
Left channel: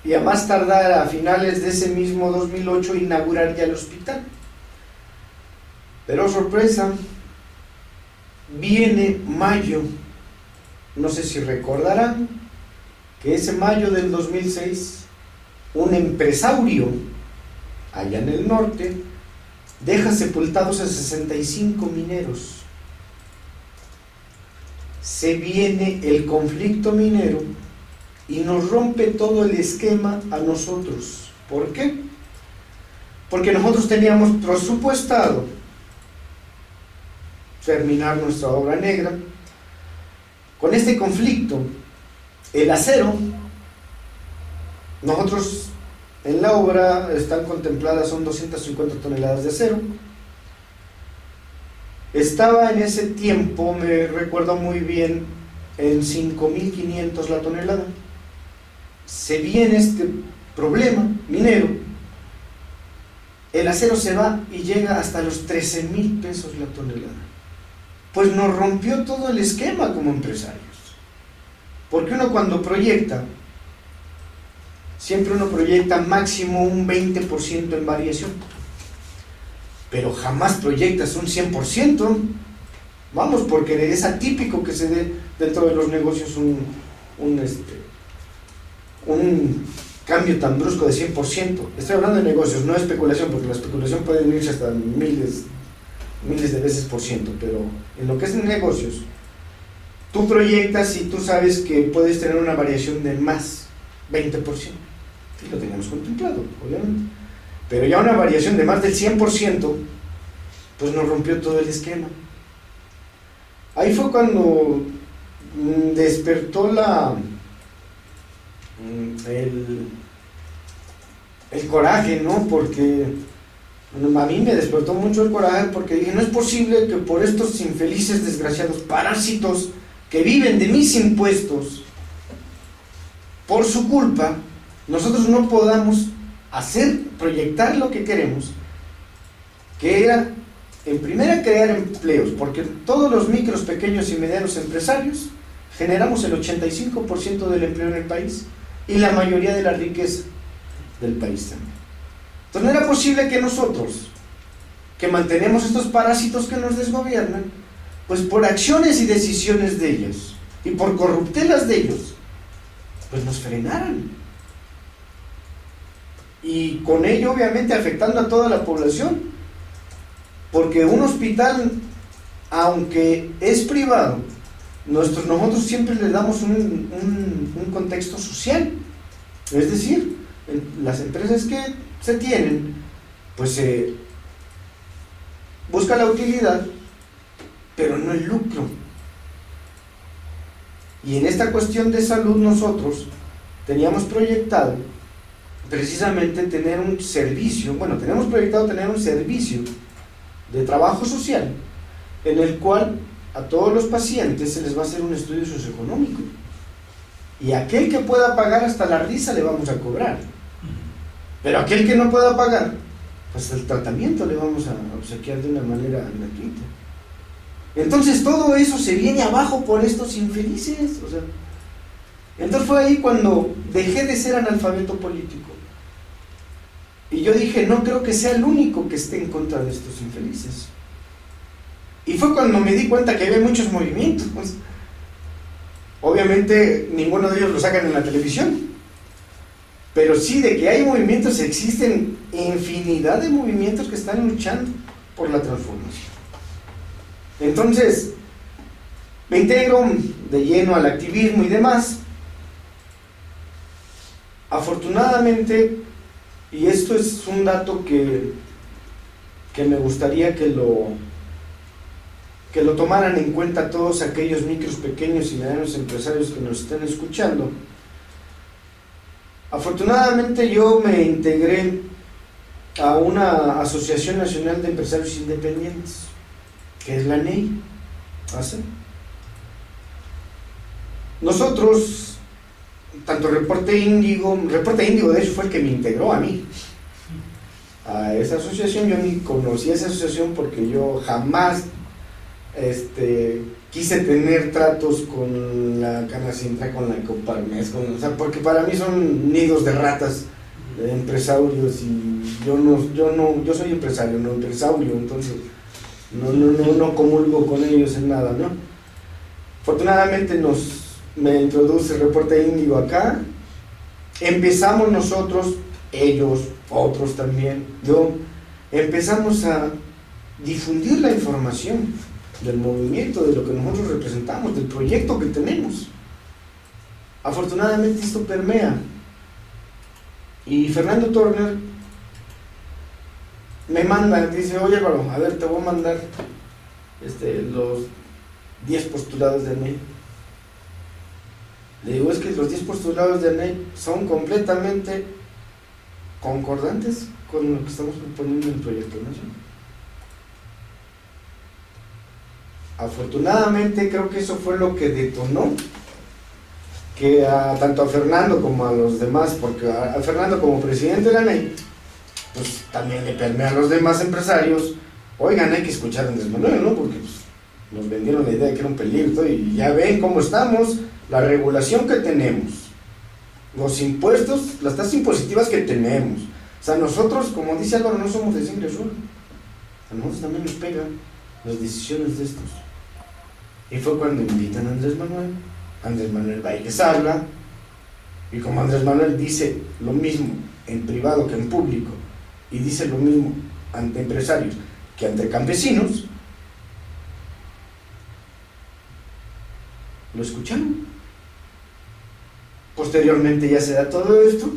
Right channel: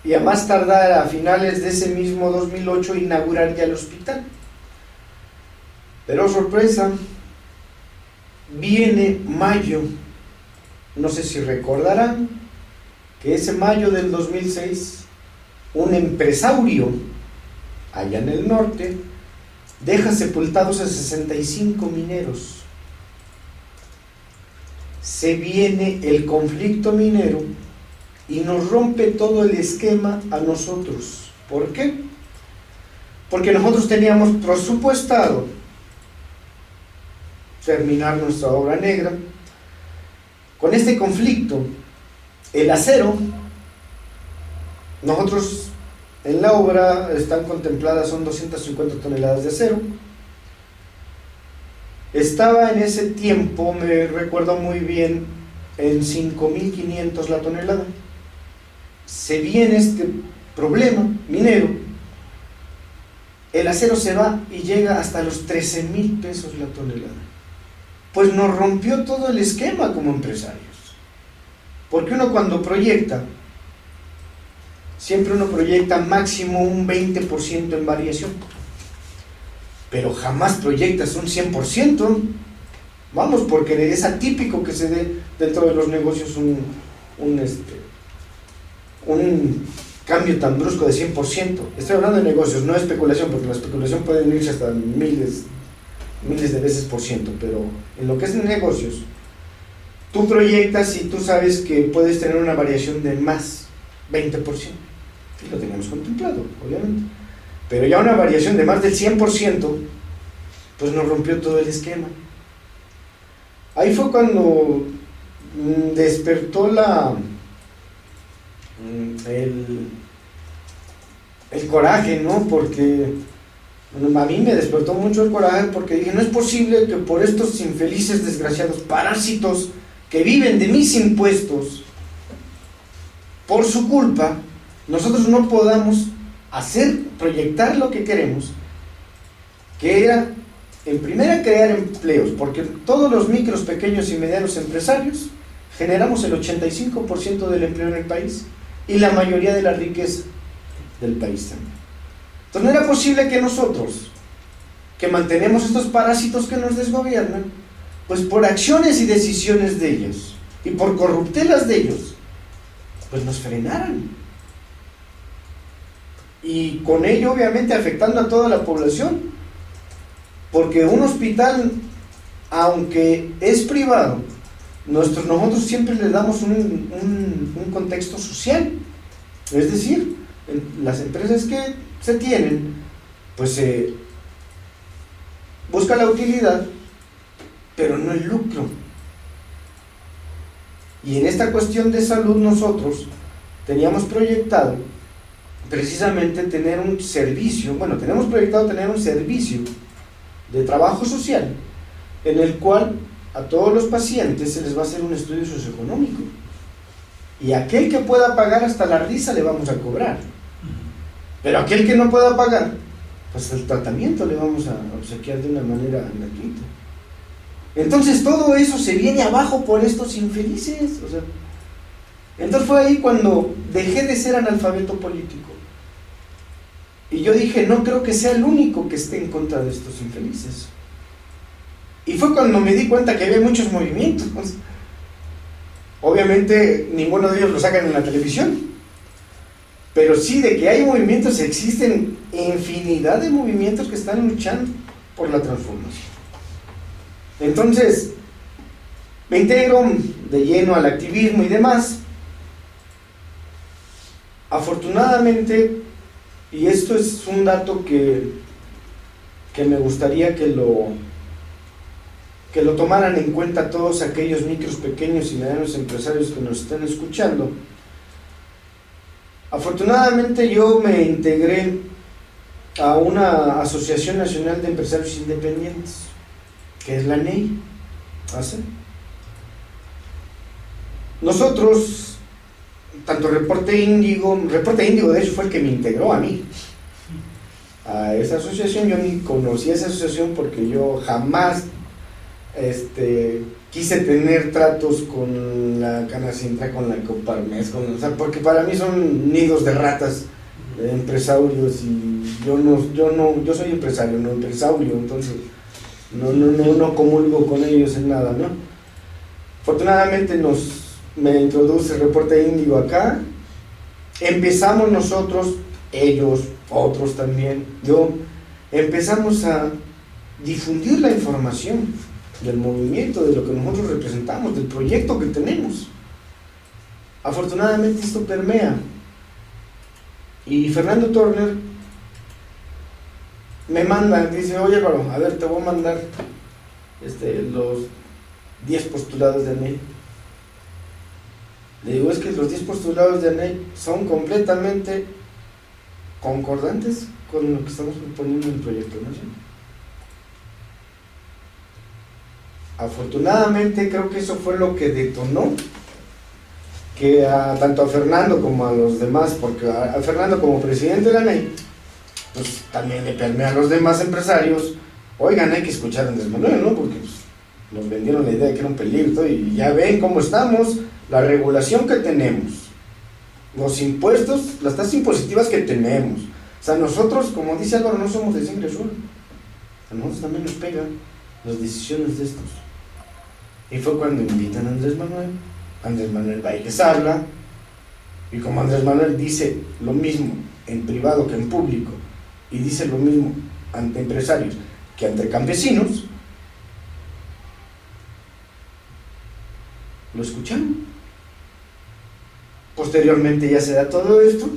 y a más tardar a finales de ese mismo 2008 inaugurar ya el hospital. Pero sorpresa, viene mayo, no sé si recordarán que ese mayo del 2006 un empresario allá en el norte deja sepultados a 65 mineros. Se viene el conflicto minero y nos rompe todo el esquema a nosotros. ¿Por qué? Porque nosotros teníamos presupuestado terminar nuestra obra negra. Con este conflicto, el acero, nosotros en la obra están contempladas, son 250 toneladas de acero. Estaba en ese tiempo, me recuerdo muy bien, en 5.500 la tonelada. Se viene este problema minero, el acero se va y llega hasta los 13,000 pesos la tonelada. Pues nos rompió todo el esquema como empresarios. Porque uno cuando proyecta, siempre uno proyecta máximo un 20% en variación, pero jamás proyectas un 100%, vamos, porque es atípico que se dé dentro de los negocios un cambio tan brusco de 100%. Estoy hablando de negocios, no de especulación, porque la especulación puede irse hasta miles de veces por ciento, pero en lo que es negocios, tú proyectas y tú sabes que puedes tener una variación de más 20%, y lo teníamos contemplado, obviamente, pero ya una variación de más del 100%, pues nos rompió todo el esquema. Ahí fue cuando despertó el coraje, ¿no? Porque a mí me despertó mucho el coraje, porque dije, no es posible que por estos infelices, desgraciados parásitos que viven de mis impuestos, por su culpa, nosotros no podamos proyectar lo que queremos, que era, en primera, crear empleos, porque todos los micros, pequeños y medianos empresarios generamos el 85% del empleo en el país y la mayoría de la riqueza del país también. Entonces no era posible que nosotros, que mantenemos estos parásitos que nos desgobiernan, pues por acciones y decisiones de ellos y por corruptelas de ellos, pues nos frenaran, y con ello obviamente afectando a toda la población, porque un hospital, aunque es privado, nosotros siempre le damos un contexto social, es decir, las empresas que se tienen, pues se busca la utilidad, pero no el lucro. Y en esta cuestión de salud nosotros teníamos proyectado precisamente tener un servicio, tenemos proyectado tener un servicio de trabajo social en el cual a todos los pacientes se les va a hacer un estudio socioeconómico, y aquel que pueda pagar, hasta la risa le vamos a cobrar, pero aquel que no pueda pagar, pues el tratamiento le vamos a obsequiar de una manera gratuita. Entonces todo eso se viene abajo por estos infelices, entonces fue ahí cuando dejé de ser analfabeto político, y yo dije, no creo que sea el único que esté en contra de estos infelices. Y fue cuando me di cuenta que había muchos movimientos. Obviamente ninguno de ellos lo sacan en la televisión, pero sí de que hay movimientos, existen infinidad de movimientos que están luchando por la transformación. Entonces me integro de lleno al activismo y demás. Afortunadamente, y esto es un dato que me gustaría que lo tomaran en cuenta todos aquellos micros, pequeños y medianos empresarios que nos están escuchando, Afortunadamente yo me integré a una Asociación Nacional de Empresarios Independientes, que es la NEI. Nosotros, tanto Reporte Índigo de hecho fue el que me integró a mí, a esa asociación. Yo ni conocí esa asociación porque yo jamás quise tener tratos con la Canacintra, con la Coparmex, o sea, porque para mí son nidos de ratas, de empresarios, y yo soy empresario, no empresario, entonces no comulgo con ellos en nada, ¿no? Afortunadamente me introduce el Reporte Índigo acá, empezamos nosotros, ellos, otros también, empezamos a difundir la información del movimiento, de lo que nosotros representamos, del proyecto que tenemos. Afortunadamente esto permea, y Fernando Turner me manda, dice: oye Álvaro, a ver, te voy a mandar los 10 postulados de ANEI. Le digo: es que los 10 postulados de ANEI son completamente concordantes con lo que estamos proponiendo en el proyecto, ¿no? Afortunadamente creo que eso fue lo que detonó que tanto a Fernando como a los demás, porque a Fernando como presidente de la NEI, pues también le permea a los demás empresarios: oigan, hay que escuchar a Andrés Manuel, ¿no? Porque pues, nos vendieron la idea de que era un peligro, y ya ven cómo estamos, la regulación que tenemos, los impuestos, las tasas impositivas que tenemos. O sea, nosotros, como dice Álvaro, no somos de sangre azul, a nosotros también nos pegan las decisiones de estos. Y fue cuando invitan a Andrés Manuel va y les habla, y como Andrés Manuel dice lo mismo en privado que en público, y dice lo mismo ante empresarios que ante campesinos, lo escucharon. Posteriormente ya se da todo esto.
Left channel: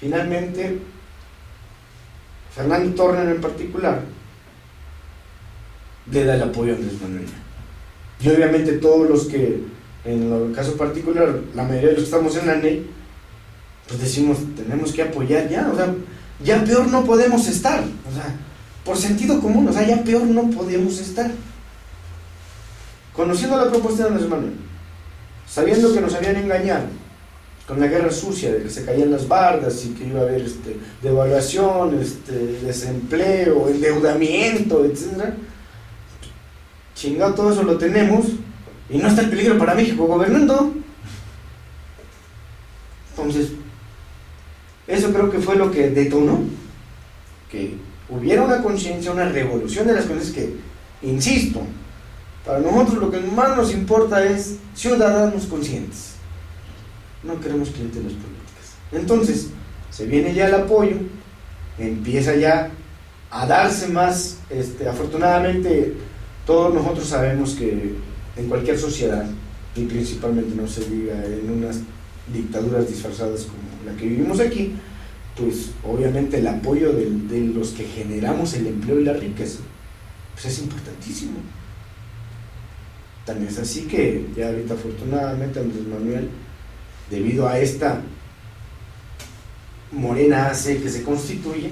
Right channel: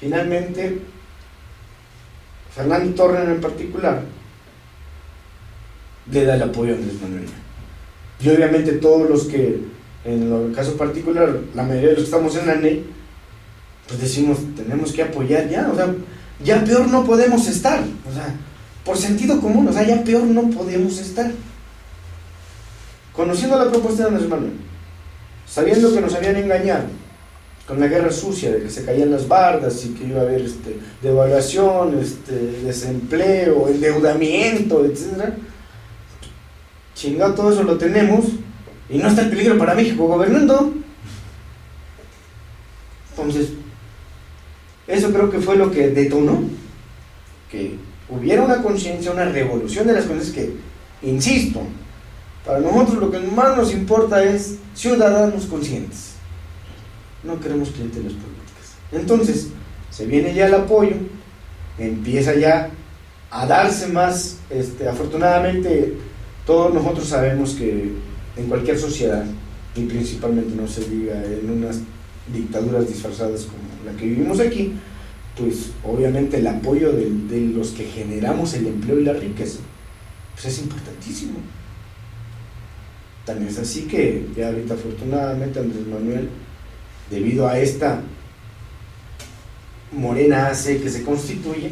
Finalmente Fernando Turner en particular le da el apoyo a Andrés Manuel, y obviamente todos los que, en el caso particular, la mayoría de los que estamos en la NEI, pues decimos: tenemos que apoyar ya, o sea, ya peor no podemos estar, o sea, por sentido común, o sea, ya peor no podemos estar. Conociendo la propuesta de Andrés Manuel, sabiendo que nos habían engañado con la guerra sucia de que se caían las bardas y que iba a haber devaluación, desempleo, endeudamiento, etcétera, chingado, todo eso lo tenemos y no está el peligro para México gobernando. Entonces, eso creo que fue lo que detonó que hubiera una conciencia, una revolución de las cosas que, insisto, para nosotros lo que más nos importa es ciudadanos conscientes. No queremos clientelas políticas. Entonces, se viene ya el apoyo, empieza ya a darse más, afortunadamente todos nosotros sabemos que en cualquier sociedad, y principalmente no se diga en unas dictaduras disfrazadas como la que vivimos aquí, pues obviamente el apoyo de los que generamos el empleo y la riqueza, pues es importantísimo. También es así que ya ahorita afortunadamente Andrés Manuel, debido a esta Morena AC que se constituye,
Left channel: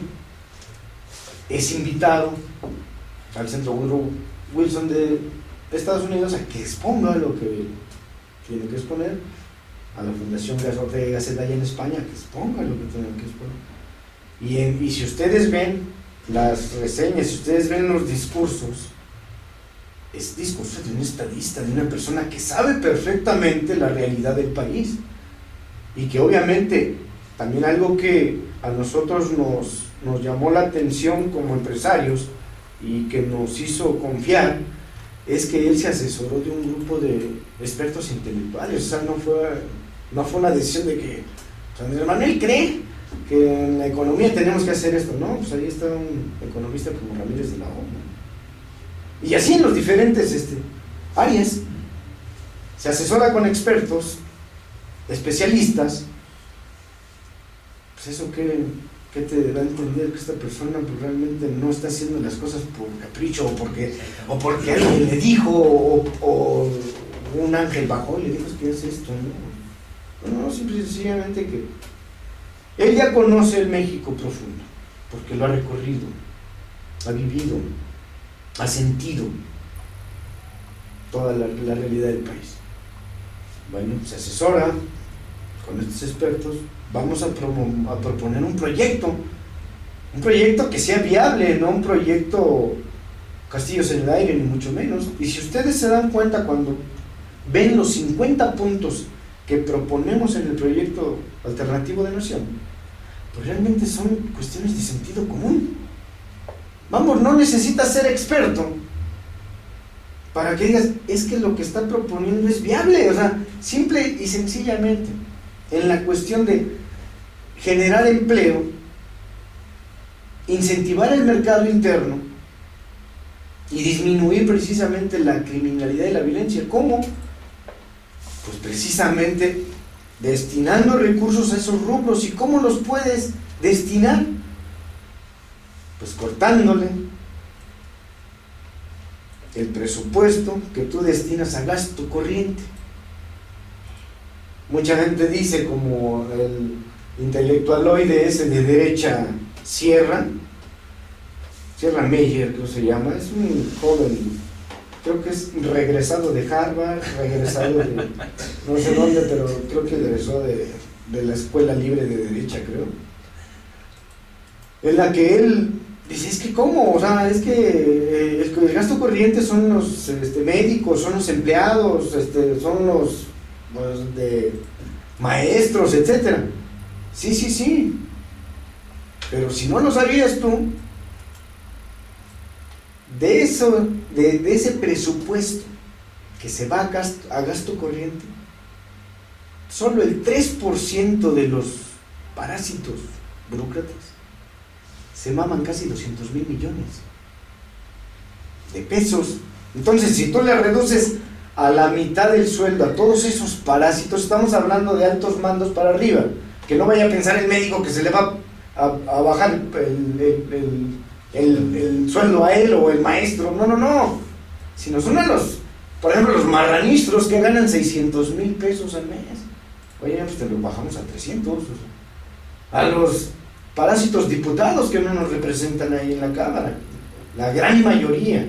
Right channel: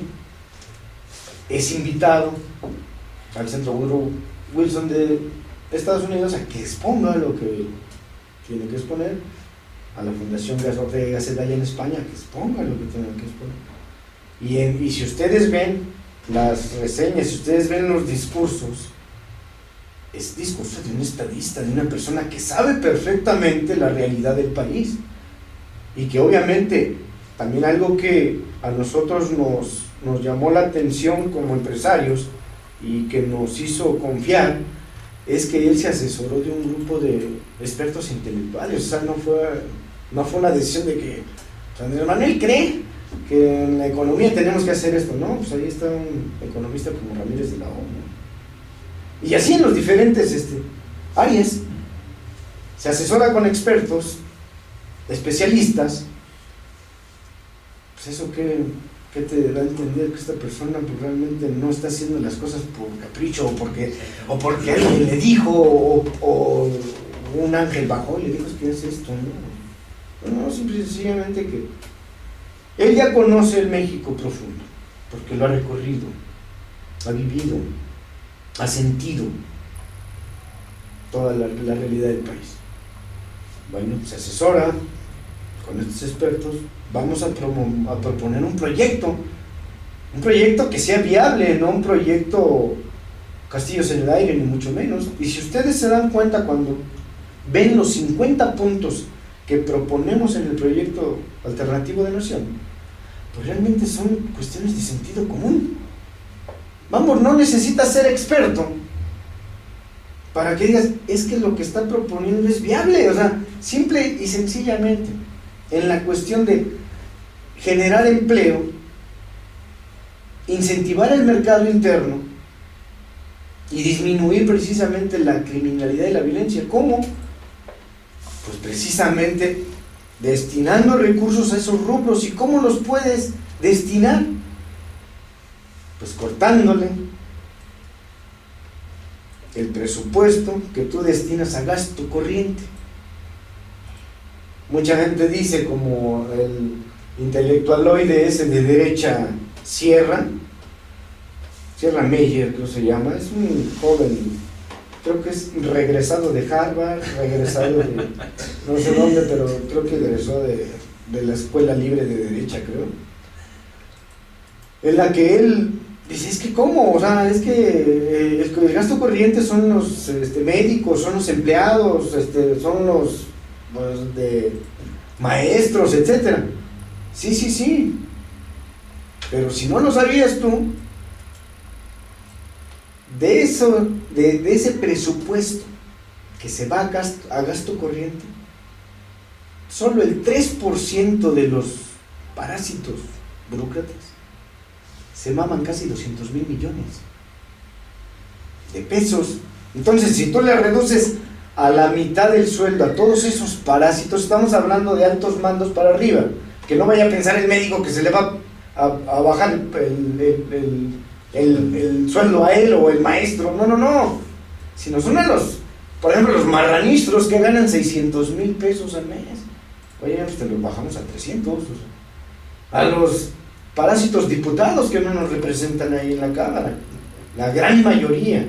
es invitado al Centro Woodrow Wilson de Estados Unidos a que exponga lo que tiene que exponer, a la Fundación Ortega y Gasset allá en España, que exponga lo que tiene que exponer. Y si ustedes ven las reseñas, si ustedes ven los discursos, es discurso de un estadista, de una persona que sabe perfectamente la realidad del país, y que obviamente también algo que a nosotros nos llamó la atención como empresarios y que nos hizo confiar, es que él se asesoró de un grupo de expertos intelectuales. O sea, no fue una decisión de que Andrés Manuel cree que en la economía tenemos que hacer esto. No, pues ahí está un economista como Ramírez de la O, ¿no? Y así en los diferentes áreas se asesora con expertos, especialistas. Pues eso que te da a entender que esta persona pues realmente no está haciendo las cosas por capricho, o porque alguien le dijo, o un ángel bajó y le dijo: es que es esto, no, simple y sencillamente que Él ya conoce el México profundo, porque lo ha recorrido, ha vivido, ha sentido toda la realidad del país. Bueno, se asesora con estos expertos, vamos a proponer un proyecto que sea viable, no un proyecto castillos en el aire, ni mucho menos. Y si ustedes se dan cuenta cuando ven los 50 puntos que proponemos en el proyecto alternativo de nación, pues realmente son cuestiones de sentido común. Vamos, no necesitas ser experto para que digas, es que lo que está proponiendo es viable. O sea, simple y sencillamente, en la cuestión de generar empleo, incentivar el mercado interno y disminuir precisamente la criminalidad y la violencia. ¿Cómo? Pues precisamente destinando recursos a esos rubros. ¿Y cómo los puedes destinar? Pues cortándole el presupuesto que tú destinas a gasto corriente. Mucha gente dice, como el intelectualoide ese de derecha Sierra Meyer, creo que se llama, es un joven, creo que es regresado de Harvard, regresado de no sé dónde, pero creo que egresó de la Escuela Libre de Derecha, creo, en la que él dice, es que ¿cómo? O sea, es que el gasto corriente son los médicos, son los empleados, son los de maestros, etcétera. Sí, pero si no lo sabías tú, de ese presupuesto que se va a gasto corriente, solo el 3% de los parásitos burócratas se maman casi 200,000 millones de pesos. Entonces, si tú le reduces a la mitad del sueldo a todos esos parásitos, estamos hablando de altos mandos para arriba, que no vaya a pensar el médico que se le va a bajar el sueldo a él, o el maestro, no, sino son a los, por ejemplo, los marranistros que ganan 600,000 pesos al mes. Oye, pues te lo bajamos a 300. O sea, a los parásitos diputados que no nos representan ahí en la Cámara, la gran mayoría,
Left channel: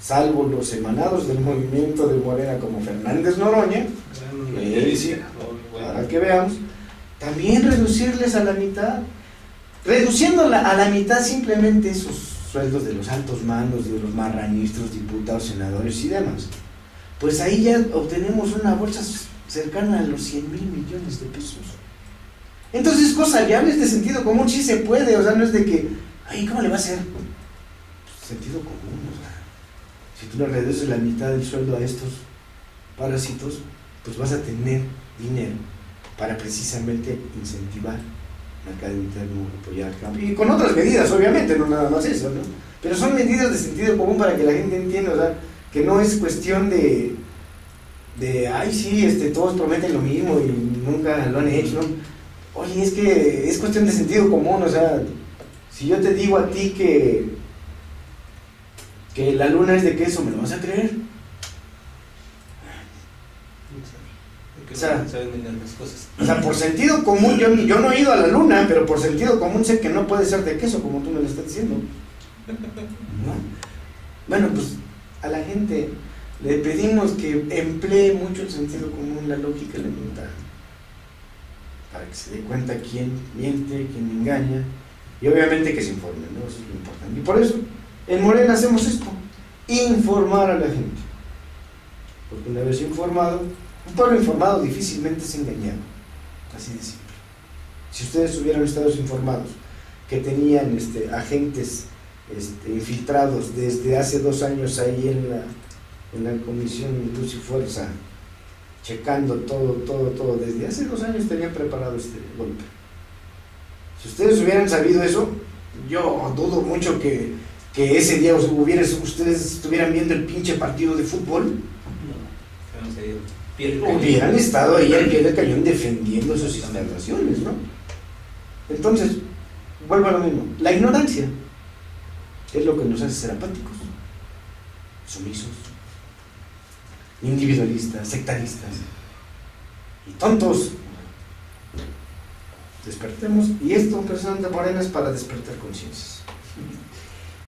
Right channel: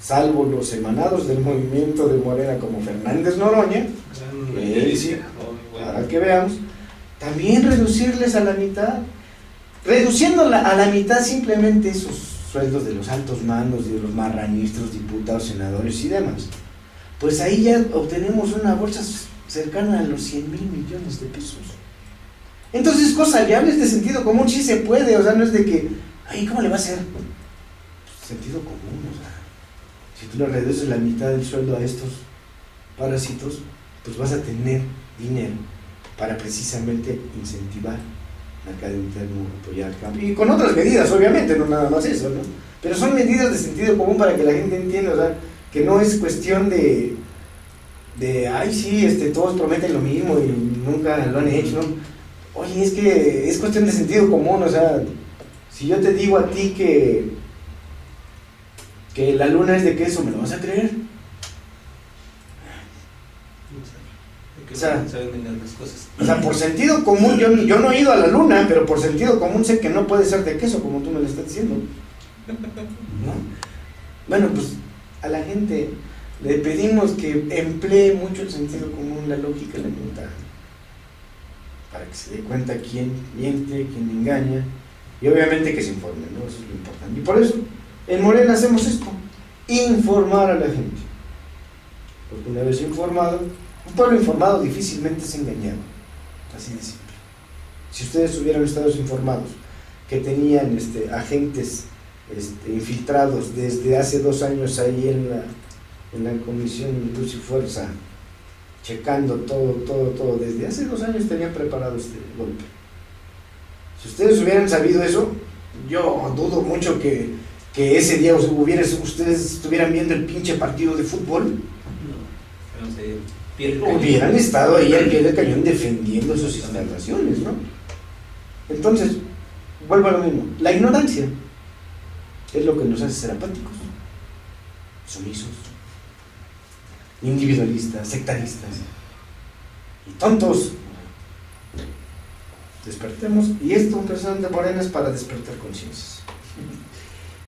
salvo los emanados del movimiento de Morena como Fernández Noroña, para que veamos, también reducirles a la mitad, reduciendo a la mitad simplemente esos sueldos de los altos mandos, de los marranistros, diputados, senadores y demás. Pues ahí ya obtenemos una bolsa cercana a los 100,000 millones de pesos. Entonces, cosas viables de sentido común, sí se puede. O sea, no es de que, ay, ¿cómo le va a hacer? Pues, sentido común. O sea, si tú le reduces la mitad del sueldo a estos parásitos, pues vas a tener dinero para precisamente incentivar el mercado interno, apoyar el cambio, y con otras medidas, obviamente, no nada más eso, ¿no? Pero son medidas de sentido común para que la gente entienda. O sea, que no es cuestión de ay, sí, todos prometen lo mismo y nunca lo han hecho, ¿no? Oye, es que es cuestión de sentido común. O sea, si yo te digo a ti que la luna es de queso, ¿me lo vas a creer? O sea, por sentido común, yo no he ido a la luna, pero por sentido común sé que no puede ser de queso, como tú me lo estás diciendo, ¿no? Bueno, pues a la gente le pedimos que emplee mucho el sentido común, la lógica elemental, para que se dé cuenta quién miente, quién engaña, y obviamente que se informen, ¿no? Eso es lo importante. Y por eso en Morena hacemos esto, informar a la gente, porque una vez informado, un pueblo informado difícilmente es engañado, así de simple. Si ustedes hubieran estado informados que tenían agentes infiltrados desde hace 2 años ahí en la Comisión de Luz y Fuerza, checando todo, desde hace 2 años tenían preparado este golpe. Si ustedes hubieran sabido eso, yo dudo mucho que ese día ustedes estuvieran viendo el pinche partido de fútbol. Hubieran estado ahí al pie del cañón defendiendo sus instalaciones, ¿no? Entonces, vuelvo a lo mismo, la ignorancia es lo que nos hace ser apáticos, sumisos, individualistas, sectaristas y tontos. despertemos, y esto precisamente Morena es para despertar conciencias.